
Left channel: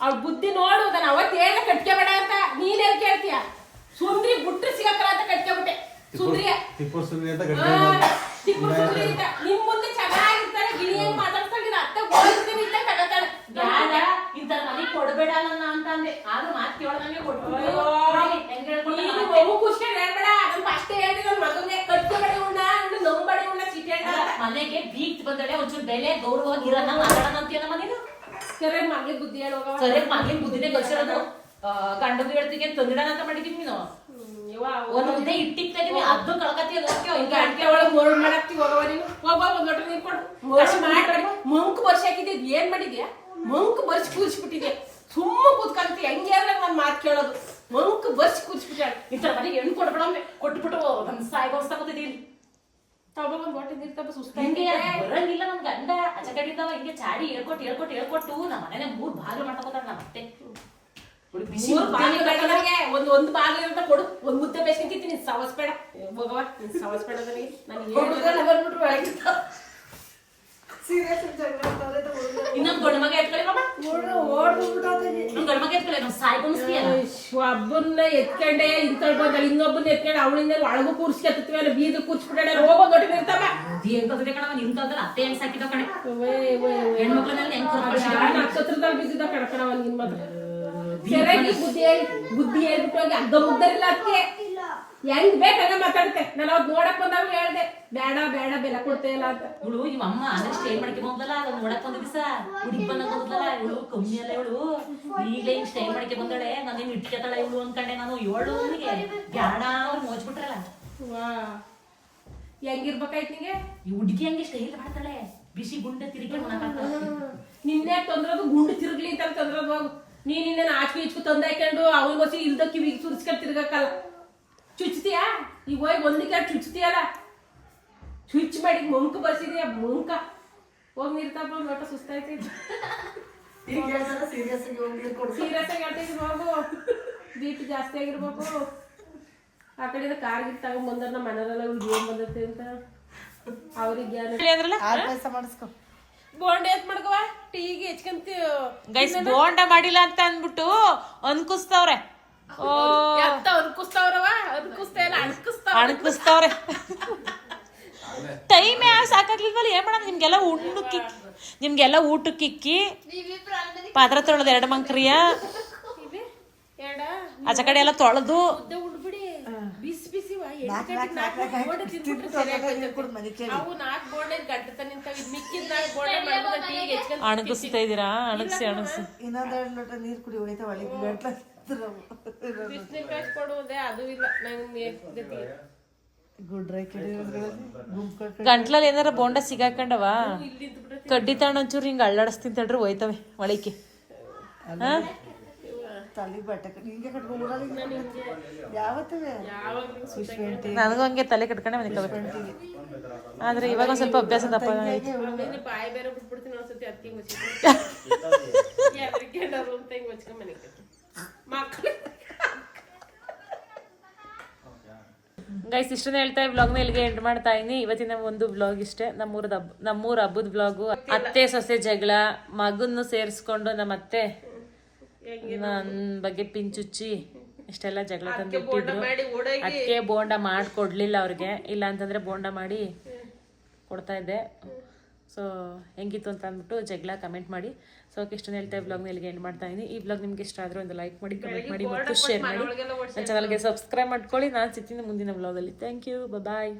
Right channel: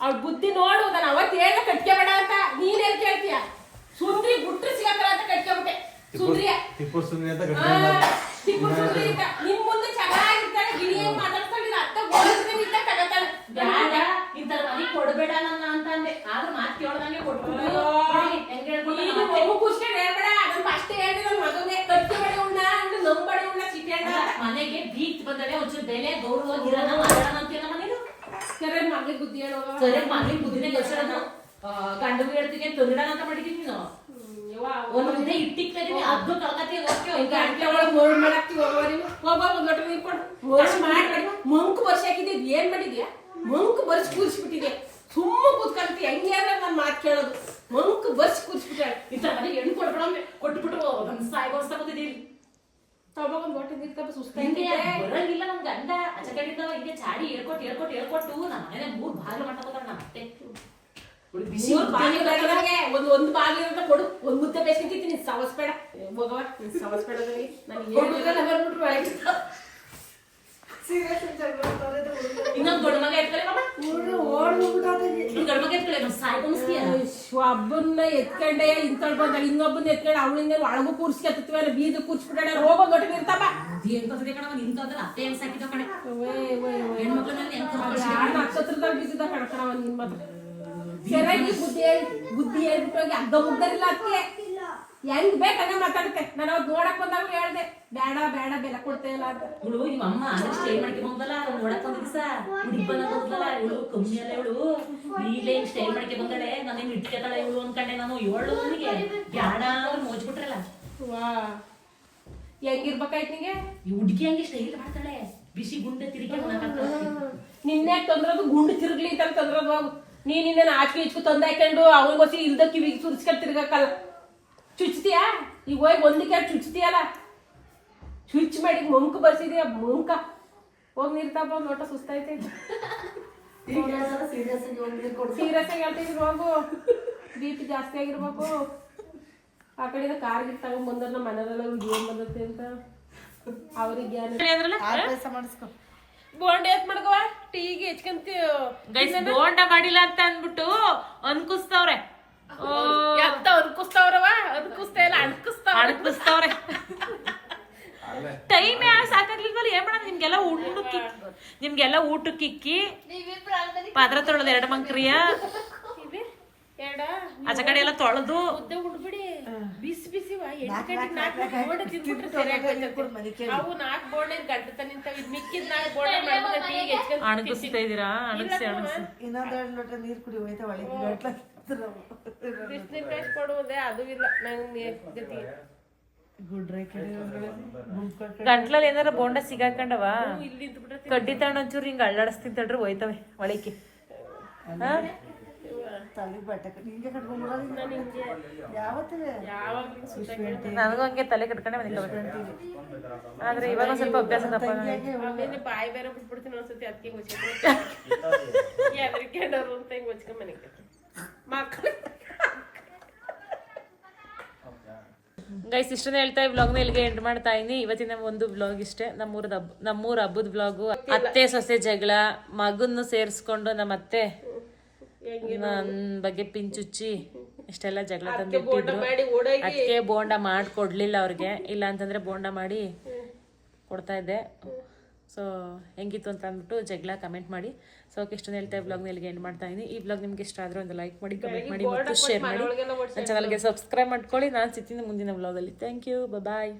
ಅವ್ಳ ಬುದ್ಧಿ ನೋಡು ನಾನು ಅವತ್ತು ಹೇಳ್ದೆ ಕಟ್ಕೋಬೇಡ ಅಂತ ನೀನ್ ಎಲ್ಲಿ ಕೇಳ್ತೀಯ ಸುಂದ್ರಿ ಗುಟ್ರು ಸಿಗಕ್ಕಲ್ಲ ಅಂತ ಕಟ್ಕೊಬಿಟ್ಟೆ ಸುಂದ್ರಿಯ ಟಿಪ್ಪು ಸುಂದ್ರಿ ಅಂತ ಟಿಪ್ಪು ಸುಂದ್ರಿ ಅಂತ ನಿಮ್ ಮುಂದೆ ಚೆನ್ನಾಗಿರ್ತಾಳೆ ಗಿಳಿಯಾಗಿ ಮಾತಾಡ್ತಾಳೆ ಅತ್ತ ಹೋಗ್ತೀನಿ ಅಂತ ತಗೋತಾಳೆ ಇಂತ ಮನೆ ಕೊಡ್ಬೇಡ ನನ್ನ ಅಂತ ಅಂದೆ ಆದ್ರೂ ಮಾತು ಕೇಳೋದಂಗೆ ಕೊಟ್ಬಿಟ್ಟು ಖುಷಿ ಹೇಳ್ಬೇಡ ನನ್ ಫಸ್ಟ್ ಹೇಳಿದ್ರೆ ನನ್ ಮಗನಿಗೆ ಕಟ್ಕೋಬೇಡ ಉಣ್ಣ ನಂಬಡಿ ಉಣ್ಣ ಸಿಟಿ ಮನೆಗೆ ಬೀಚ್ ಬಂದಳೆ ಒಂಚೂರು ಬೆಲೆ ಗೌರವವಾಗಿರೋಣ ಮಾತಾಡೋಣ ಅಂತೀಯ ನಮ್ಮ ಮನೇನು ಸರಿ ಮಗ್ಳಿಗೆ ಬುದ್ಧಿ ಹೇಳೋಗ ಸರಿ ಮನೇಲಿ ಬುದ್ಧಿನೇ ಕಳ್ಸಿರೋದು ಗಂಡಗೂ ಹೇಳ್ತಿಗೆ ತಂದಿಡಣ ಅಂತ ಮಾಡಿದೀವಿ ನೀನು ಒಂದ್ ಮುದ್ದೆ ಇಟ್ಟಿರ್ತೀನಿ ಅದು ಕಳ್ಕತ್ತೀಯ ಗಂಟೆ ಒಳಗೆ ಮೋರ್ ಮಾಡಾಕ್ತಿ ಹೋಗವ ನೀನು ಹೋಗ ಒಂದ್ ಲೋಟ ನೀರ್ ಕೊಡು ಮಾಡಿ ಮಂಕು ಬರ್ಸಿ ಹಾಕಿದ್ಯಾ ಏನ್ ಮಾಡಿದ್ಯಾ ಮಂಕು ಬರ್ಸಿ ಕೂರಿಸ್ಬಿಟ್ಟಿದ್ಯಾ ಸುಮ್ಮ ಕೂತ್ಕೊಂತಿ ಹೆಂಗೆ ಅಂದ್ರೆ ಒಂದ್ ಮಾತು ಕೇಳೋದು ಮಂಕು ಬರ್ಸಿ ಕೂರಿಸ್ಬಿಟ್ಟಾಳೆ ಇಂಥ ಮನೆಗೆ ಹೆಣ್ಣು ಕೊಡ್ಬೇಡ ಕೊಟ್ಬಿಟ್ಟು ನಮ್ ಸಾಯ್ಗೋಸ್ತಾ ಬಂದಿದ್ದೀವಿ ತಗೋ ಒಂದ್ ಲೋಟ ನೀರ್ ತಪ್ಪ ಹಿಂಗೆ ಸುಸ್ತಾಗಿ ಬರಂಗಿಲ್ಲ ನಮ್ ಗಂಡ ಅಚಕಡಿಂದವ ಹಿಂಗೆ ಚಾಡಿ ಹೇಳ್ಕೊಟ್ಟು ನಮ್ಮ ಮನೇನೆ 3 ಬಾಗಿಲು ಮಾಡ್ಕೊತಾಳ ನಮ್ಮ ಅತ್ತೆ ಒಂದ್ ಬಾಗಿಲು ಅಂತ ಕೊಡು ಒಂದ್ ಮುದ್ದೆ ಬೇಸ್ಕೊಂತೀನಿ ಸವಸ್ ಬೇಡ ಹೋಗವ ಸವಸ್ ಬೇಡ ಬಂದ್ಬಿಟ್ರು ಇನ್ನೊಂದು ಗಂಡು ಮಗ ಎತ್ಕೊಳ್ಳಿ ಮಮ್ಮ ಗಂಡು ಮಗ ಎತ್ಕೊಳ್ಳಿ ನಾವು ಸಾಯ್ಕೊಳಿಸ್ತೀಯ ಒಬ್ಬನ್ನ ಎತ್ಕೊಂಡೆ ಇಂತಳ್ ಬಂದಳ ಇನ್ನೊಬ್ಬನ್ನ ಎತ್ಕೊಂಡೆ ಅವಳಿಂದ ಒಳಗೂ ಕೂರ್ಸ್ಕೊತೀವಲ್ಲ ಬೀದಿ ಕೂರ್ಸ್ಬಿಟ್ಟಾಳೆ ಹೋಗೋ ದೊಡ್ಡ ಇರ್ತಾವ ದೇವ್ರ ಕಣ ನಿಂತಂದ್ರೆ ಅತ್ತೆ ಹೆಂಗ್ ಸಾಕಿದ ಕಣೆ ಹೆಣ್ಮಕ್ಳನ್ನೆಲ್ಲ ಹೆಂಗ್ ನಕ್ಷತ್ರದಲ್ಲಿ ಬಿದ್ದಿದ್ದ ಕಣಕಣವ ನಿನ್ ಮಾತ್ರ ಸರಿಯಾಗಿ ಬುದ್ಧಿ ಹೇಳ್ಬಿಟ್ಟು ಹೋಗಿ ಅಗ್ಗ ಮುಗ್ದರಿಲ್ಲ ಅದಕ್ಕೆ ಹೆಂಗ್ ಬೇಕಂಗ ಮಾತಾಡುತ್ತೆ ನಾನು ಅವತ್ತು ನೋಡಕ್ ಬಂದಾಗ ಹೇಳ್ದೆ ಬೇಡ ಬೇಡ ಬೆಲೆ ಕೊಡ್ತೇ ಇಲ್ಲ ಅಂತ ಇವಳು ನಿಮ್ಮ ಅಮ್ಮ ಅಂದ್ರೆ ಸ್ಟೇ ಮಾಡ್ಕೆ ಬಂದಲ್ಲ ನಾನು ನೋಡಕ್ ಒಂದ್ ದಿವಸ ಹುಡುಗಿ ಬಂದಲ್ಲ ಇವಳು ಕಮ್ಮಿ ಅಲ್ಲ ಇವಳು ಈಗಲೇ ಸ್ಟೇ ಮಾಡ್ಕೆ ಬಂದಾಳೆ ನಾನೇನು ಇಟ್ಕೊತಾಳೆ ಇವಳು ಅನ್ಕಂಡೆ ನಾನು ಇವಳು ಅವಳಿಗೆ ಬ್ಯಾಡ ಮೋಜ್ಬಿಟ್ರಲ್ಲ ವಾ ಹೆಂಗಿರ್ಬೇಕಾಯ್ತು ನಿಂಗೆ ಈ ಹುಡುಗಿ ಹಂಗೆ ಸ್ಟೈಲ್ ಮಾಡ್ತಾಳೆ ಬಿಸಿ ಗುಂಡೆ ತಿರುಗಿ ನಿನ್ನೆ ತಂದ್ರದು ಗುಂಡು ತಿರುಗ್ಲಿ ಅಂತ ತಂದ್ರದು ಬಾಬು ನೀನ್ ಇನ್ನೇನು ಆಚೆ ಈಚು ತಂದು ಹಾಕೊಂಡು ಅವನಿಗೋಸಿ ಇಲ್ದ ಕಿವಿಗೆ ಸುರಿಸ್ಕೊಂಡು ತಿರ್ಗಕ್ಕಲ್ಲ ಚುಚ್ತೀಯಾ ಈಗ ಹೋಗಿ ಒಂದಕ್ಕೆ ಚುಚ್ತೀಯಲ್ಲ ಚುಚ್ ಮಾಡಿ ಮುಂಕ್ ಬರ್ಸಿದೀಯ ಮುಂಕ ಹೋಗಿ ನೀರ್ ತಪ್ಪ ಒಂದ್ ಲೋಟ ಸುಸ್ತಾಯ್ತೈತಿ ಸೀರಿಯಸ್ ಆಗಿ ಹೇಳ್ತೈತಿ ಹೋಗು ಬಿ.ಪಿ ಜಾಸ್ತಿ ಆಗಿರ್ಬೇಕು ಆ ಕಡೆಯಿಂದ ಕಾರ್ಗಿರ್ ತಗೊಂಡ್ ಬಂದ್ರ ನಮ್ಮ ಮನೆಯಲ್ಲ ಏನ್ ಬಂದೈತೆ ಅಂತ ಅವ್ರಿಗೆ ಜ್ಞಾನ ಬೋಂಡ ಎತ್ ಮಾಡ್ಕವ ಟೀಗೆ ಹೆಚ್ಕಂತ ಗೈಸ್ ಬೋಂಡ ಮಾಡಿಲ್ಲ ಅಂತ ಅನ್ಬಿಟ್ಟು ಅನ್ಕುಸ್ತವ್ರೆ ಎಂತ ಅನ್ಕುಸ್ತಾವ್ರವ ಅನ್ಕುಸ್ತಾ ಇಲ್ಲ ಅಣಕಿಸ್ತವ್ರೆ ಟೈಮ್ ಸಾಕಾಗ್ಲಿಲ್ವಲ್ಲ ಏನ್ ಮಾಡೋಣ ನಿಮ್ಗೆಲ್ಲ ಊಟಕ್ಕೆ ಇಕ್ಕಿ ಪಾತ್ರೆ ತೊಳೆದು 2 ಮಂಕ್ರಿಯ ಆಚೆ ಕಡೆ ಎಲ್ಲ ತೊಳೆದು ಉಡ್ಬಿಡಿ ಬಿಸಿ ಬಿಸಿವ ಬೋಂಡ ತಿನ್ಬಿಟ್ರೆ ಸರಿಯಾಗಿ ಅವು 4 ಬೋಂಡ ಗಂಟೆ ನಿಂತ ಮಿಕ್ಕಿದ 4 ಬೋಂಡ ಮಾಡ್ಬಿಟ್ಟು ಟೀಗೆ ಹೆಚ್ಕೊಂತ ಅಣಗಿಸ್ತಾ ಇದೀರಾ ಅಣಗಿಸಿ ಇನ್ನೊಂದೆರಡು ಲೋಟ ನೀರು ಕುಡಿ ಹೋಯ್ತಾ ಒಳಗೆ ಬಿಸಿನೀರು ಕಾಯ್ಸಿ ಕೊಡುವುದೇ ಅದು ಇಲ್ಲ ನಂಗೆ ಗತಿಗೆ ಗುಡ್ರೈ ಕಡೆ ಗಂಟ್ಲಲ್ಲಿ ಏನಾರ ಬೋಂಡ ಸಿಗಾಕೊಂಡವ ಕಡ್ಡಿ ತಗೊಂಡ್ ಒಂಚೂರು ಹಿಂಗ ಅಳ್ಳಾಡಿಸ್ತೀನಿ ತಡ್ರಿ ಹೋಯ್ತವೆ ಒಳಿಕೆ ತಲೆ ಬಟ್ಟೆ ಹಿಂಗೆ ಕಟ್ಕೊಂಡ್ಬಿಡೋದು ಯಾವತ್ತವೆ ನನಗೂ ಹಂಗೆ ತಲೆ ಕಟ್ಕೊಂಡೆ ಮನಿಕಬೇಕು ಆದ್ರೆ ಇವಾಗ ಸ್ವಲ್ಪ ಅಭ್ಯಾಸ ದಪ್ಪ ಆಮೇಲೆ ಬಾಯಿ ಬೇರೆ ಬಿಟ್ಬಿಡ್ತೀನಿ ಒಂದ್ಸತಿ ಅದಕ್ಕೆ ಎದ್ರಿಕೊಂಡವ್ರು ಅಂತ ಹಿಂಗೆ ಹೊಚ್ಕೊಂಡ್ ಮನೆಗೆ ಮಕ್ಕಳು ಗೈಸ್ ಇಷ್ಟನ್ನ ಹೇಳ್ತಾ ಈ ವ್ಲಾಗ್ನ ಇಲ್ಲಿಗೆ ಎಂಡ್ ಮಾಡ್ತಾ ಇದೀನಿ. ಇವತ್ತಿನ ಒಂದು ವ್ಲಾಗ್ ಇಷ್ಟೇ. ನಮ್ಮೂರ ಹಬ್ಬದ ವ್ಲಾಗು, ಅತ್ತೆ ಸೊಸೆ ಜಗಳ, ಮಗನ್ನು ಸೇರಿಸ್ಕೊಂಡು ನಮ್ಮ ಅತ್ತೆ ನನ್ನ ಬಗ್ಗೆ ಪಿಂಚುಚ್ಚಿ ಇಷ್ಟೆಲ್ಲ ಜಗಳ ತಂದು ಇಟ್ಟಿದ್ರು. ಅದಕ್ಕೆ ಬೋಂಡ ಮಾಡಿ ಕೊಡಲಿಲ್ಲ ಅವ್ರಿಗೆ, ಇಲ್ಲ ಅಂತಂದರೆ ಬೋಂಡ ಮಾಡಿ ಕೊಡ್ತಾ ಇದ್ದೆ. ಸೊ ಹೆಂಗಿತ್ತು ಅಂತ ಅಂದ್ಬಿಟ್ಟು ಜಗಳ ಕಮೆಂಟ್ ಮಾಡಿ. ಸೊ ಓಕೆ, ಇಷ್ಟೊಂದು ಹೇಳ್ತಾ ಈ ವ್ಲಾಗ್ನ ಇಲ್ಲಿಗೆ ಎಂಡ್ ಮಾಡ್ತಾ ಇದ್ದೀನಿ. ಈ ವ್ಲಾಗ್ ನಿಮಗೆ ಇಷ್ಟ ಆದರೆ ಒಂದು ಲೈಕ್ ಮಾಡಿ, ಕಮೆಂಟ್ ಮಾಡಿ ಮತ್ತು ಶೇರ್ ಮಾಡಿ. ನನ್ನ ಚಾನಲ್ಗೆ ಸಬ್ಸ್ಕ್ರೈಬ್ ಮಾಡ್ಕೊಳ್ಳಿ. ನಾನು ಸಿಗ್ತೀನಿ ಮುಂದಿನ ವ್ಲಾಗಲ್ಲಿ. Thank you, bye.